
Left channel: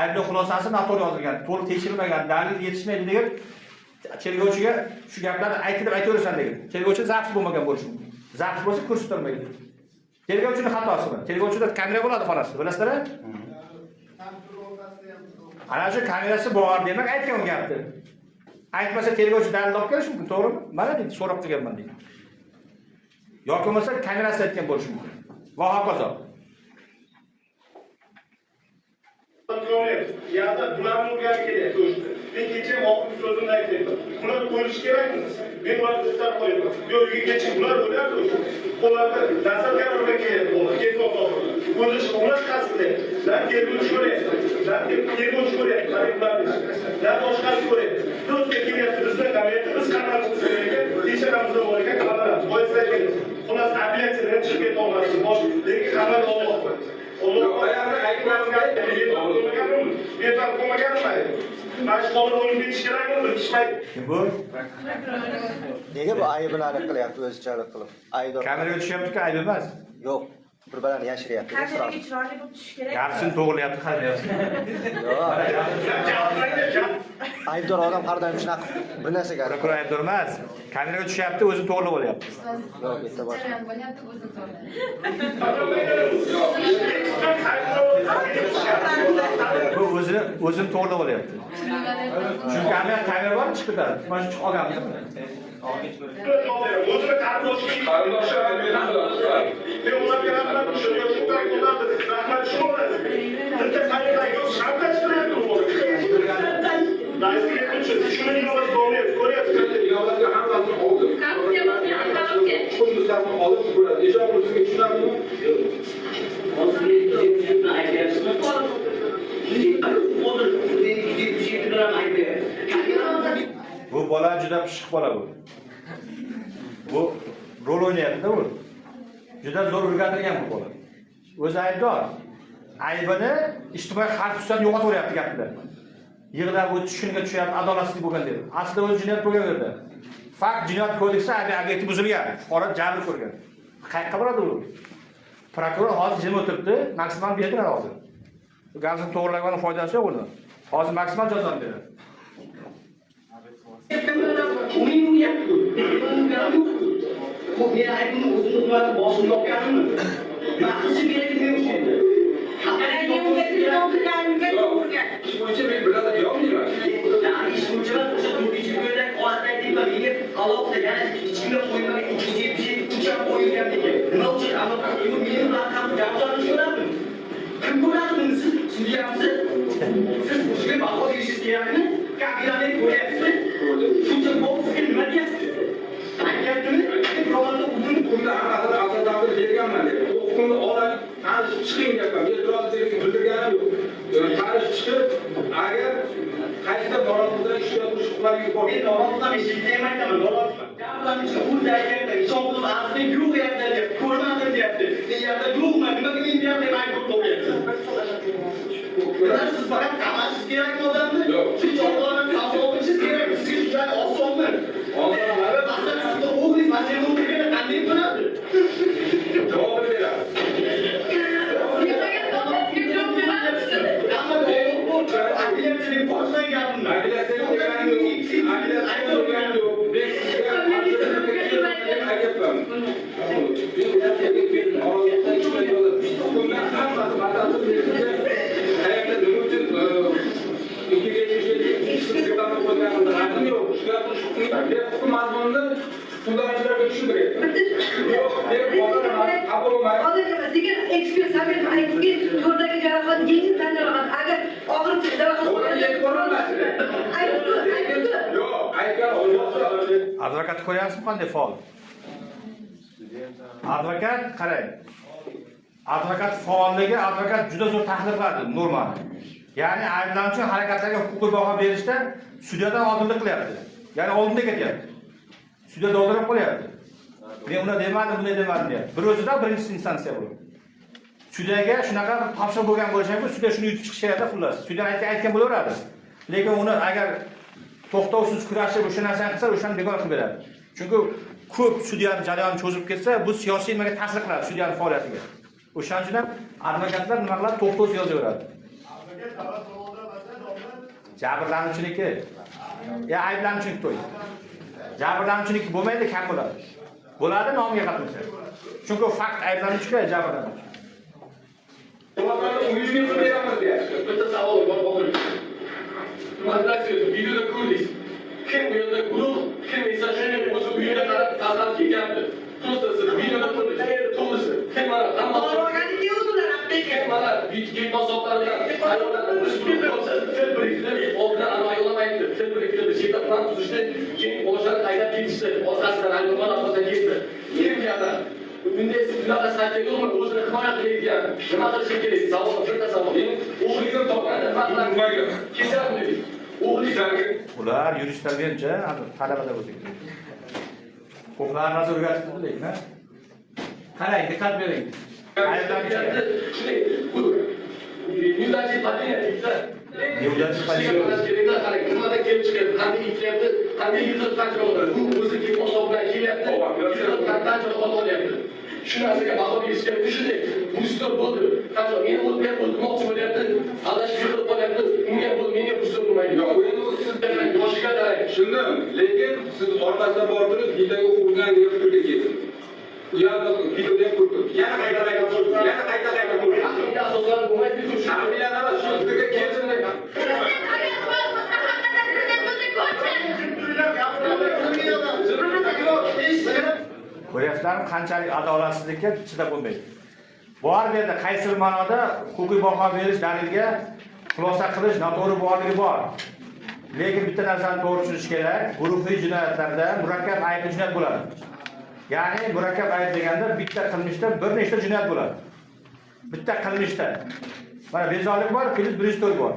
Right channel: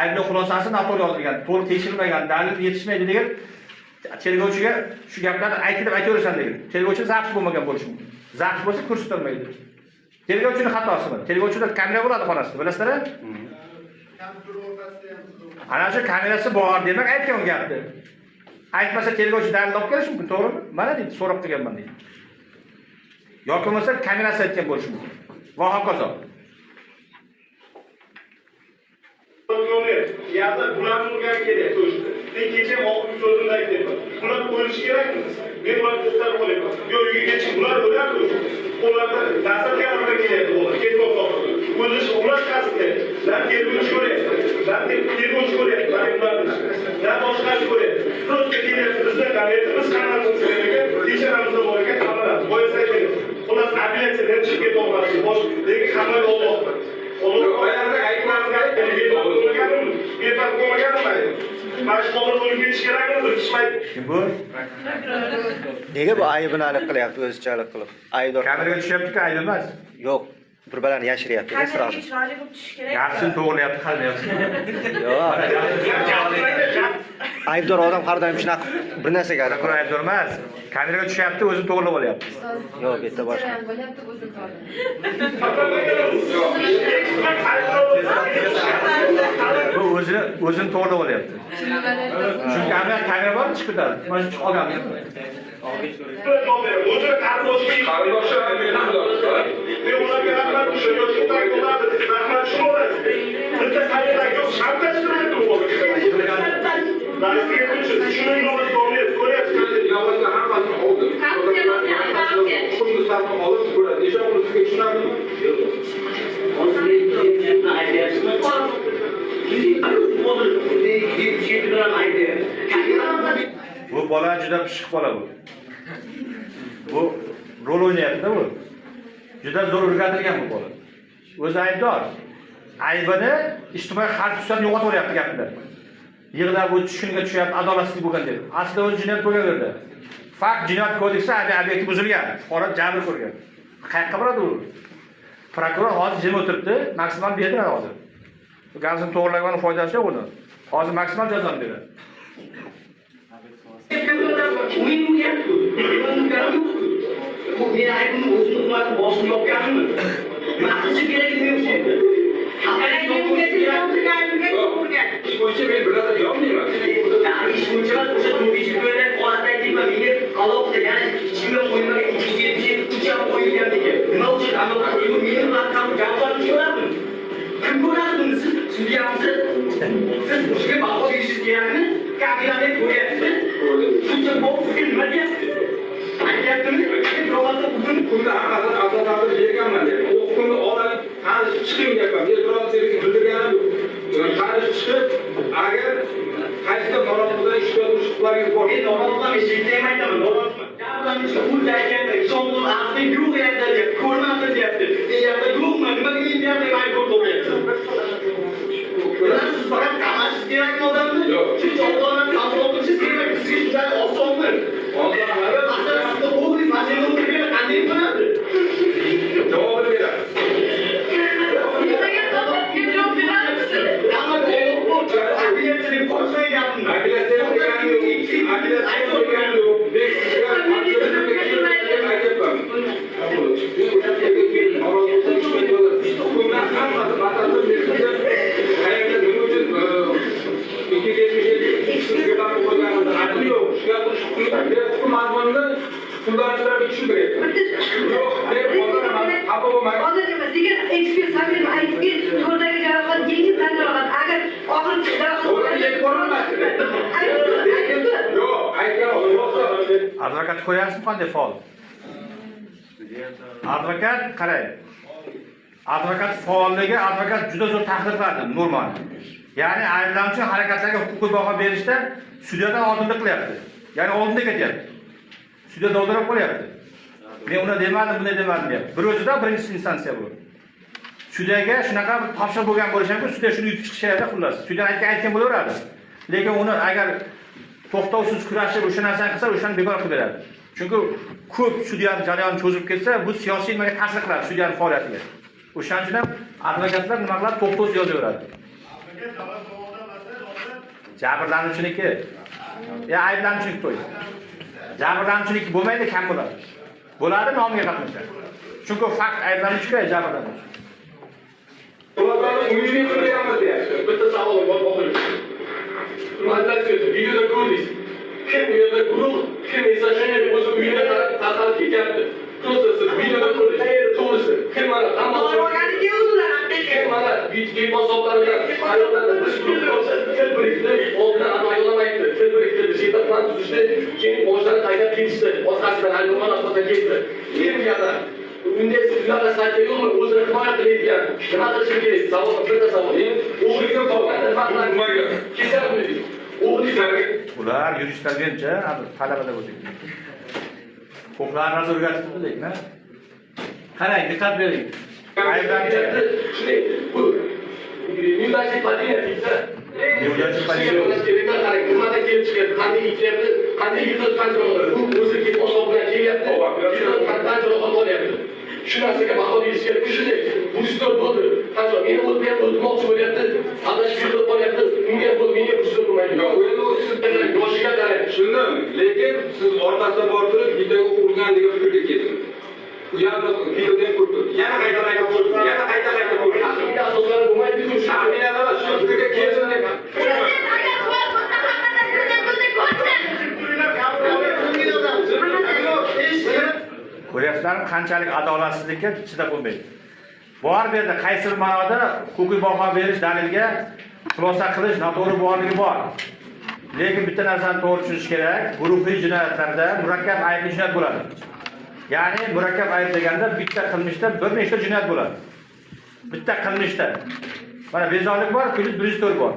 Aybli xulosasi noto'g'ri yozilgan, to'g'ri tekshirilmagan, dalil yetishmaydi degan tergovchiga shu gaplarni aytaverasan degan. Tergovchi zabt bo'lmagan bo'lishi mumkin. Zabt bo'lsa ko'rsatilmaydi. Tergovchining xatosi bor. Tergovchida kamera bo'ladi xonasida, bilasizlar? Ana shu kamerasi bor demak aytgan u gapni. Aytmasa tergovchi dalil olib kelish mumkin, to'g'rimi? Mana deydi, so'rab turganman deydi. Yoki bo'lmasa kamerasi aytgan bo'lishi mumkin. Va hokazo. Ya'da bularni o'rganib kelyapti. Men kecha hokim so'zimda aytdim. Bular qo'yilishi kerakmi? Men bularni tutarib qo'yaman. Yo'q, kecha bular o'ladi. Qo'llarda nasab kameralar kelyapti. Ketmoq to'g'ri. Qo'yilish ular qasdi. Lan tergovchi ko'ryapti. Lan tergovchi ko'ryapti. Lan ularni. Lan boshqasi ko'ryapti. Prosta kelyapti. Bizda davlatimiz qanday ekan, tekshiramizda bor ekan, qaramayapti. Boysa kerak. Xullas apellyatsiyadan chiqib ketmoqlasi. Bosh lekin xabar olmoqda. Oyog'ida aytmasga betar qo'ymaganmi? Mashg'ulot bo'lib ketish kerakmi? Bilishmaydi. Kim bu? Nega bu aybini aniq qilyapti o'zichalik qilib? Aybdor Kameraga tushyapti-ku, ayb emas. yo'q. Bir-birlarini yashiryapti. Kameraga chiroyli bo'lib tushish kerak. Gapsini to'g'rilayapti, qarayapti. Aybdor odam har doim shunaqa bir narsaga Ko'ra aybdor emas. Kameraga tushyapti, o'zini to'g'rilab olyapti. yo'q, bitta boshqa. Jarayon bo'lyapti, o'zim to'g'ri. Bu o'zini to'g'rilab olyapti. Chunki kamera bor chiqib ketadi. Mana shu olganmiz. O'zi ularga rahmat shu yoki bo'ladi. Rahmat shu bo'ladi. Bitta kamera yo'q, shartlashtiradi u. Yog'ochlar hammasini oldi. Qunduzlarni olib ko'radi. Eshon qilishga tushunadimi? Bu bola juda pishiq bola bu. Bu rol o'ynayapti bu. Juda zo'r o'rgatilgan bu bola. O'zi aybdor. Aybini ijtimoiy xalq ustidan yo'qotaveryapti gapida. Yig'lab o'tish shunga tushyapti, adolatsizlik bo'lgan deb. Aslida o'zi jinoyat qo'yaverdi. Fakt jinoyat kodeksi obyekti buzilgan, fuqaro jabr ko'rgan. Qayerga boradi u? Prokuror hozir jim o'tiribdi, maksimal berdilar hozir. Bu gapni to'g'rilagan foydasi yo'q uni. Hozir maksimal jazoni beradi. Ish bo'yicha men bilaman, yo'q deyman. Ish bo'yicha o'sha turmushga ko'ra holatda deyman, menga alohida yana ichkiga qo'yilgan 277 ham qo'yilgan degan. Nima uchun anaqa meni bilan ham gaplarni ko'radimi? Kim ko'radi buni? Siz sudyamisiz? Siz o'shaga baho berishingiz kerakmi? Kabinani ko'ryapsiz. Shuncha bo'psiz nima deyapsiz? Aytyaptimi? Men birovlarga butun Bunda hammasini asoslarni berganman deb. U huquqni olib, hali chiqib ko'rdim. Men namozdan eshitdim aytaman, namozdan. Jabrlanuvchi o'zi aytayapti, Isoqul asli yo'q yerda deyapti, ko'rmadim deyapti. Men yerda yo'qman, nimaga men deyapti, aytib qo'yapti. Siz faqat qamasiz kerak odamni. Siz odamni savdo qilish kerak, siz juda osonmi? Hozir masalan, o'g'lingiz mashinani o'tirgan qanday bo'ladi? Javob beradi. Advokat ko'ryapsizmi qanday faol? Advokat qarang. Advokat faolligi, advokat juda zo'r tahlil qiladi normani. Ya'ni ayblanuvchi harakatlarga huquqiy baho berishda sudyadan oldinlik qilyapti. Ya'ni oldinda ketyapti. Sudya dovdirab qo'yapti. Men uni demadim, bunday demadim deyapti. Bir o'zida birinchi instansiya bu. Sudyaga shunaqa topshiriq bo'lgan bo'lishidan sudya shuni yutib chiqish kerak xullas. Sudya aytgan bo'laveradi. Lekin uni agar to'xtovsiz kurashib o'sha narsani qilsa, o'shani bekor qilib beradi. Chunki ko'p sudyaning jarayoni cho'zib ketsa, bu siyosiy nimaga ta'sir qiladi sudyaning faoliyatiga. O'shaning uchun ham advokatlar nima qiladi? To'xtovsiz yozaveradi. Jabrlanuvchiniki. Ya ayblanuvchilik to'y. Jabrlanuvchilik bo'lmaydi, kam bo'ladi. Bo'ladi, nomiga qatnashadi. Chunki fakt ayblanuvchiga jabrlanuvchi. Uyini quramiz deyapti. Bitta savol bor, o'g'lim. Videoda ko'rdingiz. Kim yo'lda guruh, kim esa shunday o'zi uyini qarab tarqalib ketyapti. Просто siz videoda ko'rdingiz. To'g'risi. Kim mana hamma kim mana video hisoblari bilan ayollarni oldidan ayolamaydi. Keltirib shida plan tuzishdi. Keyin boshdan qaytib ketishdi. Orqasidan ayollar orqasidan ketdi. Men bu yerda bunday sizlarga saytga yo'qmi? O'zini himoya qiladigan nima qilish kerak? Savol, bitta savol. O'g'lingizdan topgan ketyapmi? O'g'lingizlarga Ular yuristlar bercha, talabalar o'zi. Huquqlarni o'rgatib qo'ydik-mi? Qarang, diqqat bering. Ayblanuvchi shunday bu yo'lchi padiyatda yo'lchi padiyatda nimadan kelib chiqyapti, qanday ishlayapti, qanday yutib qancha bo'ladi. Bu o'zi kelib hisob bilan kelyapti, qancha olyapti. Shu narsaga baho berish kerak. Shunday bu istor bo'ldi. Qancha meni o'tgan o'tmoqchi bo'lyapti, adash qilib qo'yapti. Menga kurslar bo'lmaydi. Yo'q, endi u sizdan yoshiga qarab tushundim. Lekin siz orqasidan borib turib, videoga urgan degan fikrga keldim. U yerda videoda ko'rdim. Yana qayta-qayta ko'rdim. Yana qayta-qayta ko'rdim. Aqlga asoslari bo'lmaydi-ku. Shahriyalar shu fikrga keldim. ko'ryapsizlarmi qanchalik adolatsizlikka chidab bo'lmaydi. Bor bu yerda qaysi bir ma'noda huquqiy baho berish dalilga xulosa qilish noto'g'ri borligi bor. Lekin bitta narsani to'g'ri tushunish kerak. Guruhiy jinoyatlarda murakkab aybli jinoyat bo'ladi. Ya'ni murakkab ayb deganda bitta qilmishda bir nechta jinoyat bo'ladi. Bitta qilmishda. Mana bezorilik bor, 104 bor.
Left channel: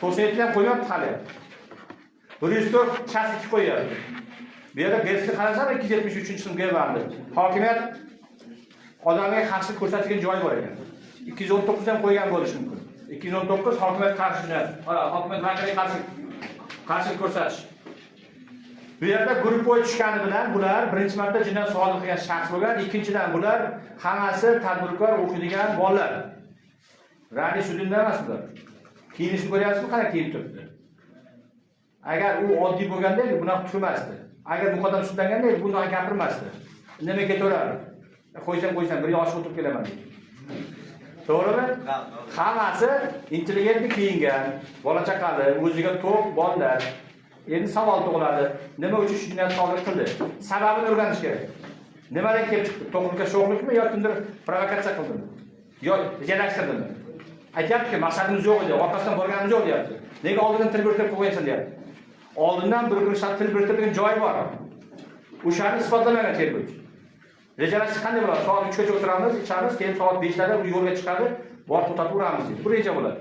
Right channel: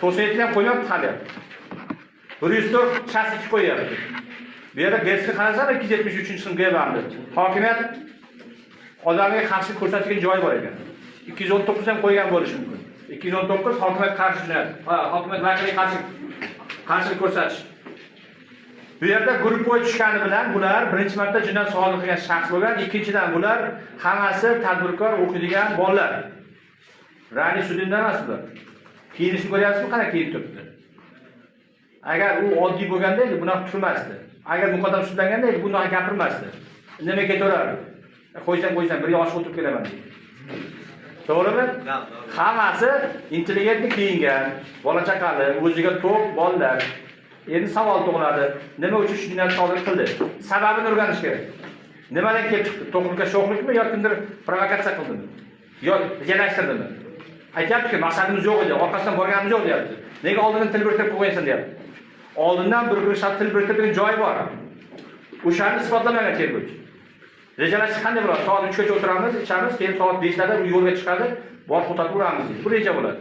To'sayotni ham qo'ymayapti hali. 104 chastiki qo'yapti. Bu yerda Getsga qarasam 273-sinfga bandi. Hokimiyat odamga qarshilik ko'rsatgan joyi bor ekan. 219 ham qo'ygan bo'lishi mumkin. 219 hokimiyat qarshi jinoyat. Hokimiyat vakiliga qarshilik ko'rsatish. Bu yerda guruh bo'yi tushgani bilan bular birinchi marta jinoyat sodir qilgan shaxs bo'lgan, ikkinchidan bular hammasi tadbirkor o'qiydigan bolalar. Rani sudindan emas bular. Kiyinishni ko'ryapsizmi, qanaqa kiyib turibdi? Agar u oddiy bo'lganda bunaqa turmasdi. Agar muqaddam sudlanganda bunday gapirmasdi. Nima ketaveradi? Qo'ysam, bir yosh o'tirib kelaman. To'g'rimi? Hammasi intelligentni kiyingan, bola chaqali, o'ziga to'q bolalar. Endi savol tug'iladi. Nima uchun shu jinoyat sodir qildi? Sababini o'rganish kerak. Nimadan kelib chiqdi? To'qlikka sho'xlikmi yoki kimdir provokatsiya qildimi? Yo rejalashtirdimi? Aytayapti-ki, maqsadimiz yo'q edi, orqasidan borganimiz yo'q deyapti. Nega oldindan til biriktirib qo'ygansan deyapti. Oldindan bir shart til biriktirgan joy bor. O'shani isbotlamagan tergovchi. Rejalash qanday bo'ladi? Soat 3 gacha o'tiramiz, ichamiz, keyin soat 5 da yo'lga chiqadi, borib o'tatib uramiz deydi. Bu reja bo'ladi.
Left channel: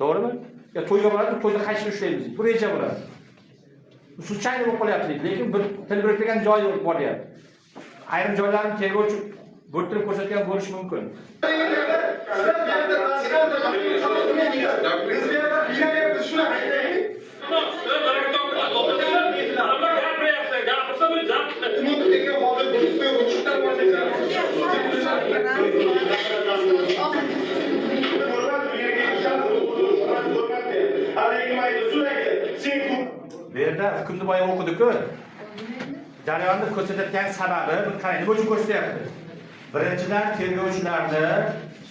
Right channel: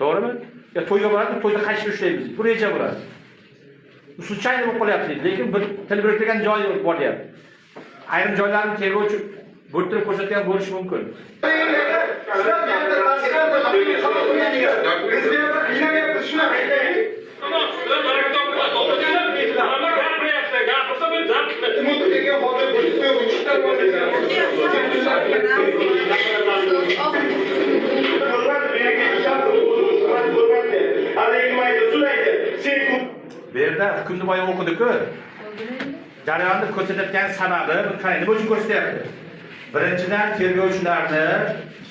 To'g'rimi? Ya to'yga boradi, to'yda qaytishni ushlaymiz. Bu reja bo'ladi. случайно bo'lib qolyapti, lekin bir til biriktirgan joy bor deyapti. Ayrim joylarni tergovchi bo'rttirib ko'rsatgan bo'lishi mumkin. Bu yerda hukmni boya o'qidik-ku. Jarayonni ko'rsatayotgan sababi qanday nima uchun ko'rsatyapti? Birinchidan tergovchilarni,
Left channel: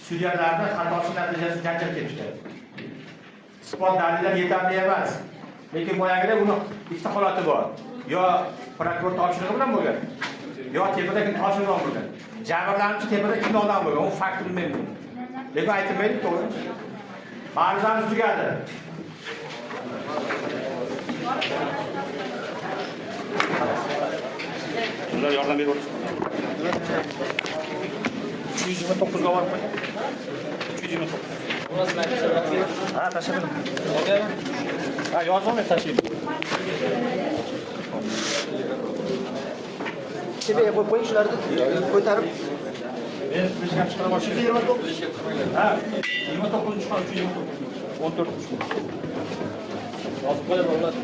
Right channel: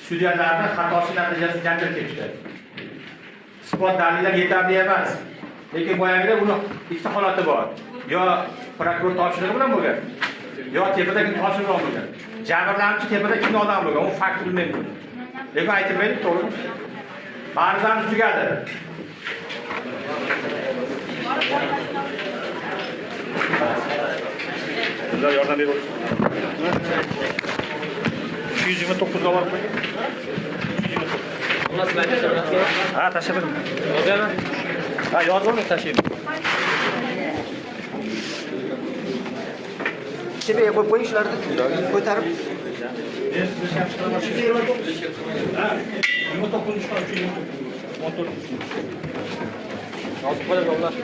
sudyalarni xatosi natijasida janjal ketdi. Isbot dalillar yetarli emas. Lekin boyagida buni ikkita holati bor. Yo prokuror topshirig'i bilan bo'lgan, yo tepadagi topshiriq bilan bo'lgan. Jabrlanuvchi tepada kimni odam bo'lgan, u fakt bilmayman. Lekin aytmaydi, to'g'ri. Ma'ruzamiz tugadi. Sizlar yordam berib o'tasiz. 329 dolar. 329. Ha, tashlab qo'ydim. Yozaymi? Ha, yozdim, tashlayman. Tepaga qo'yib qo'ying shularni. Ko'tarib. Ha, 29 chiqar, 14. Yozib qo'yib yollar.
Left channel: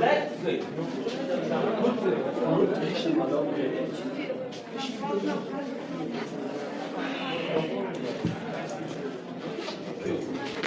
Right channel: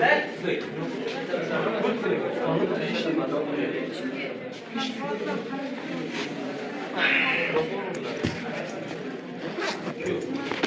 Let Shu.